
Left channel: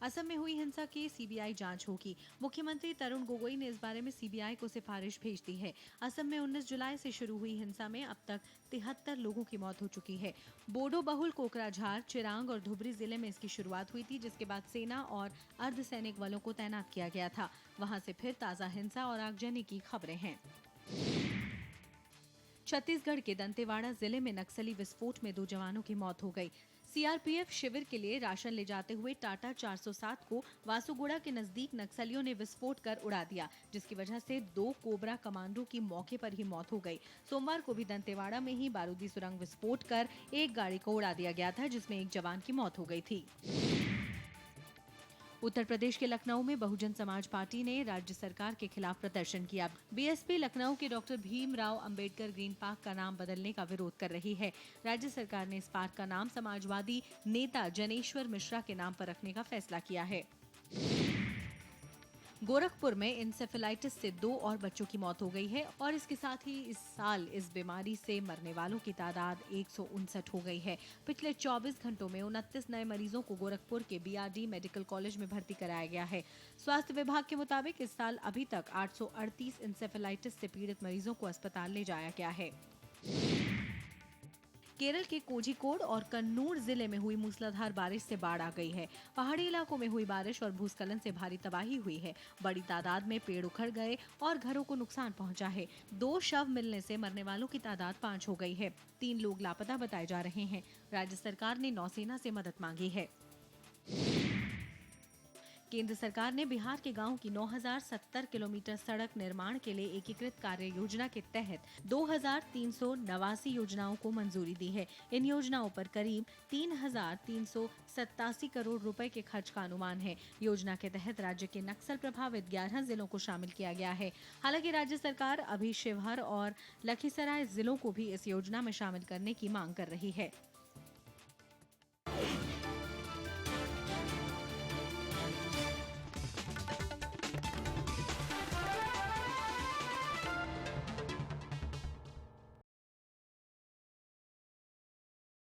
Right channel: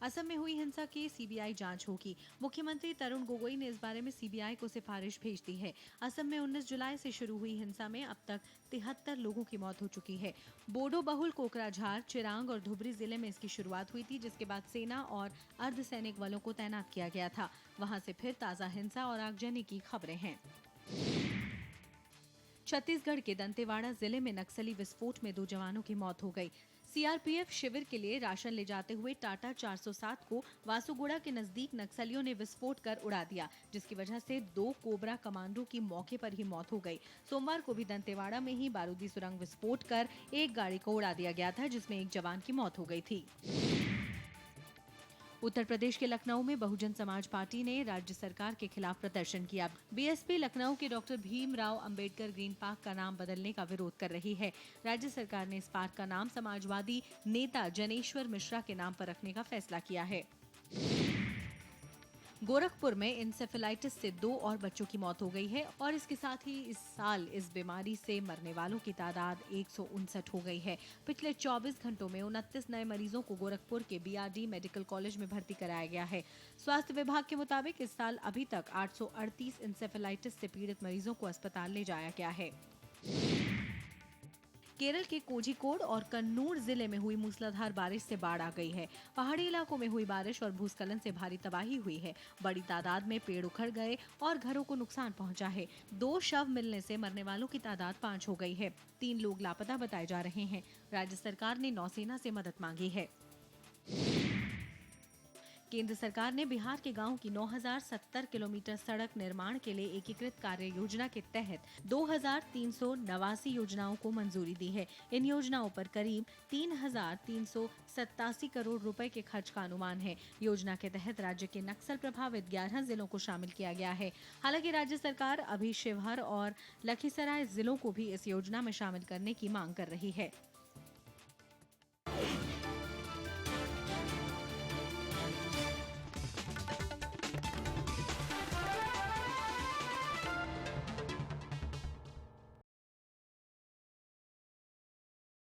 असम में हुई हिंसा की सीबीआई जांच होगी। मुख्यमंत्री तरुण गोगोई ने इस बारे में सीबीआई को सिफारिश भेज दी है। असम में 19 जुलाई से शुरू हुई हिंसा में अब तक 73 लोगों की मौत हो चुकी है। बोडो बहुल कोकराझार, चिरांग और धुबरी जिले में इसकी शुरुआत हुई थी, जिसके बाद सेना और अर्धसैनिक बलों को तैनात किया गया था। वहां से फिर ताजा हिंसा और आगजनी की खबरें हैं। छत्तीसगढ़ के दंतेवाड़ा जिले में नक्सली विस्फोट में 2 जवानों की मौत हो गई। सीआरपीएफ शिविर के लिए राशन ले जाते हुए टाटा 407 को वासुगुड़ा के नजदीक नक्सलियों ने विस्फोट कर उड़ा दिया, जिसकी वजह से 2 कोबरा कमांडो की मौके पर ही मौत हो गई। सोमवार को भी दंतेवाड़ा में ही बारूदी सुरंग विस्फोट कर एक गाड़ी को उड़ा दिया गया था, जिसमें एक जवान की मौत हो गई थी। उत्तर प्रदेश के लखनऊ में बहुजन समाज पार्टी ने राज्य सरकार के खिलाफ प्रदर्शन किया। बीएसपी लखनऊ के doctor Bhimrao Ambedkar green park का नाम बदलने का विरोध कर रही है। राज्य सरकार ने इस पार्क का नाम समाजवादी नेता जनेश्वर मिश्रा के नाम पर रखने का फैसला किया है। गोरखपुर में इंसेफेलाइटिस से 2 और बच्चों की मौत हो गई है और इसके साथ ही इस साल इस बीमारी से मरने वालों की तादाद 159 हो गई है। पिछले 24 घंटों में 29 नए मरीजों को गोरखपुर के बीआरडी मेडिकल कॉलेज में भर्ती कराया गया है। स्वास्थ्य विभाग के मुताबिक इस साल अभी तक 838 इंसेफेलाइटिस से पीड़ित मरीजों को अस्पताल ले जाया गया है। केरल के कोझिकोड और कन्नूर जिले में हुई मूसलाधार बारिश से बाढ़ आ गई है। पहाड़ी इलाकों में हुई बारिश और भूस्खलन से भारी तबाही हुई है। बड़ी तादाद में पेड़ उखड़ गए और घरों को नुकसान पहुंचा है। 2 शव मिलने से मरने वालों की तादाद 5 हो गई है। 3 लोग लापता बताए जा रहे हैं। राज्य सरकार ने नौसेना से मदद मांगी है। केंद्र सरकार ने बिहार के गांवों की 9070 किलोमीटर सड़क निर्माण के लिए एकीकृत कार्य योजना के तहत 2389 योजनाओं को मंजूरी दी है। इन योजनाओं पर करीब 3387 करोड़ रुपए के खर्च का अनुमान है। योजना के तहत राज्य के नक्सल प्रभावित 11 जिलों को शामिल किया गया है। हालांकि राज्य सरकार अभी शिवहर और लखीसराय जिलों को भी इस योजना में शामिल करने की मांग कर रही है।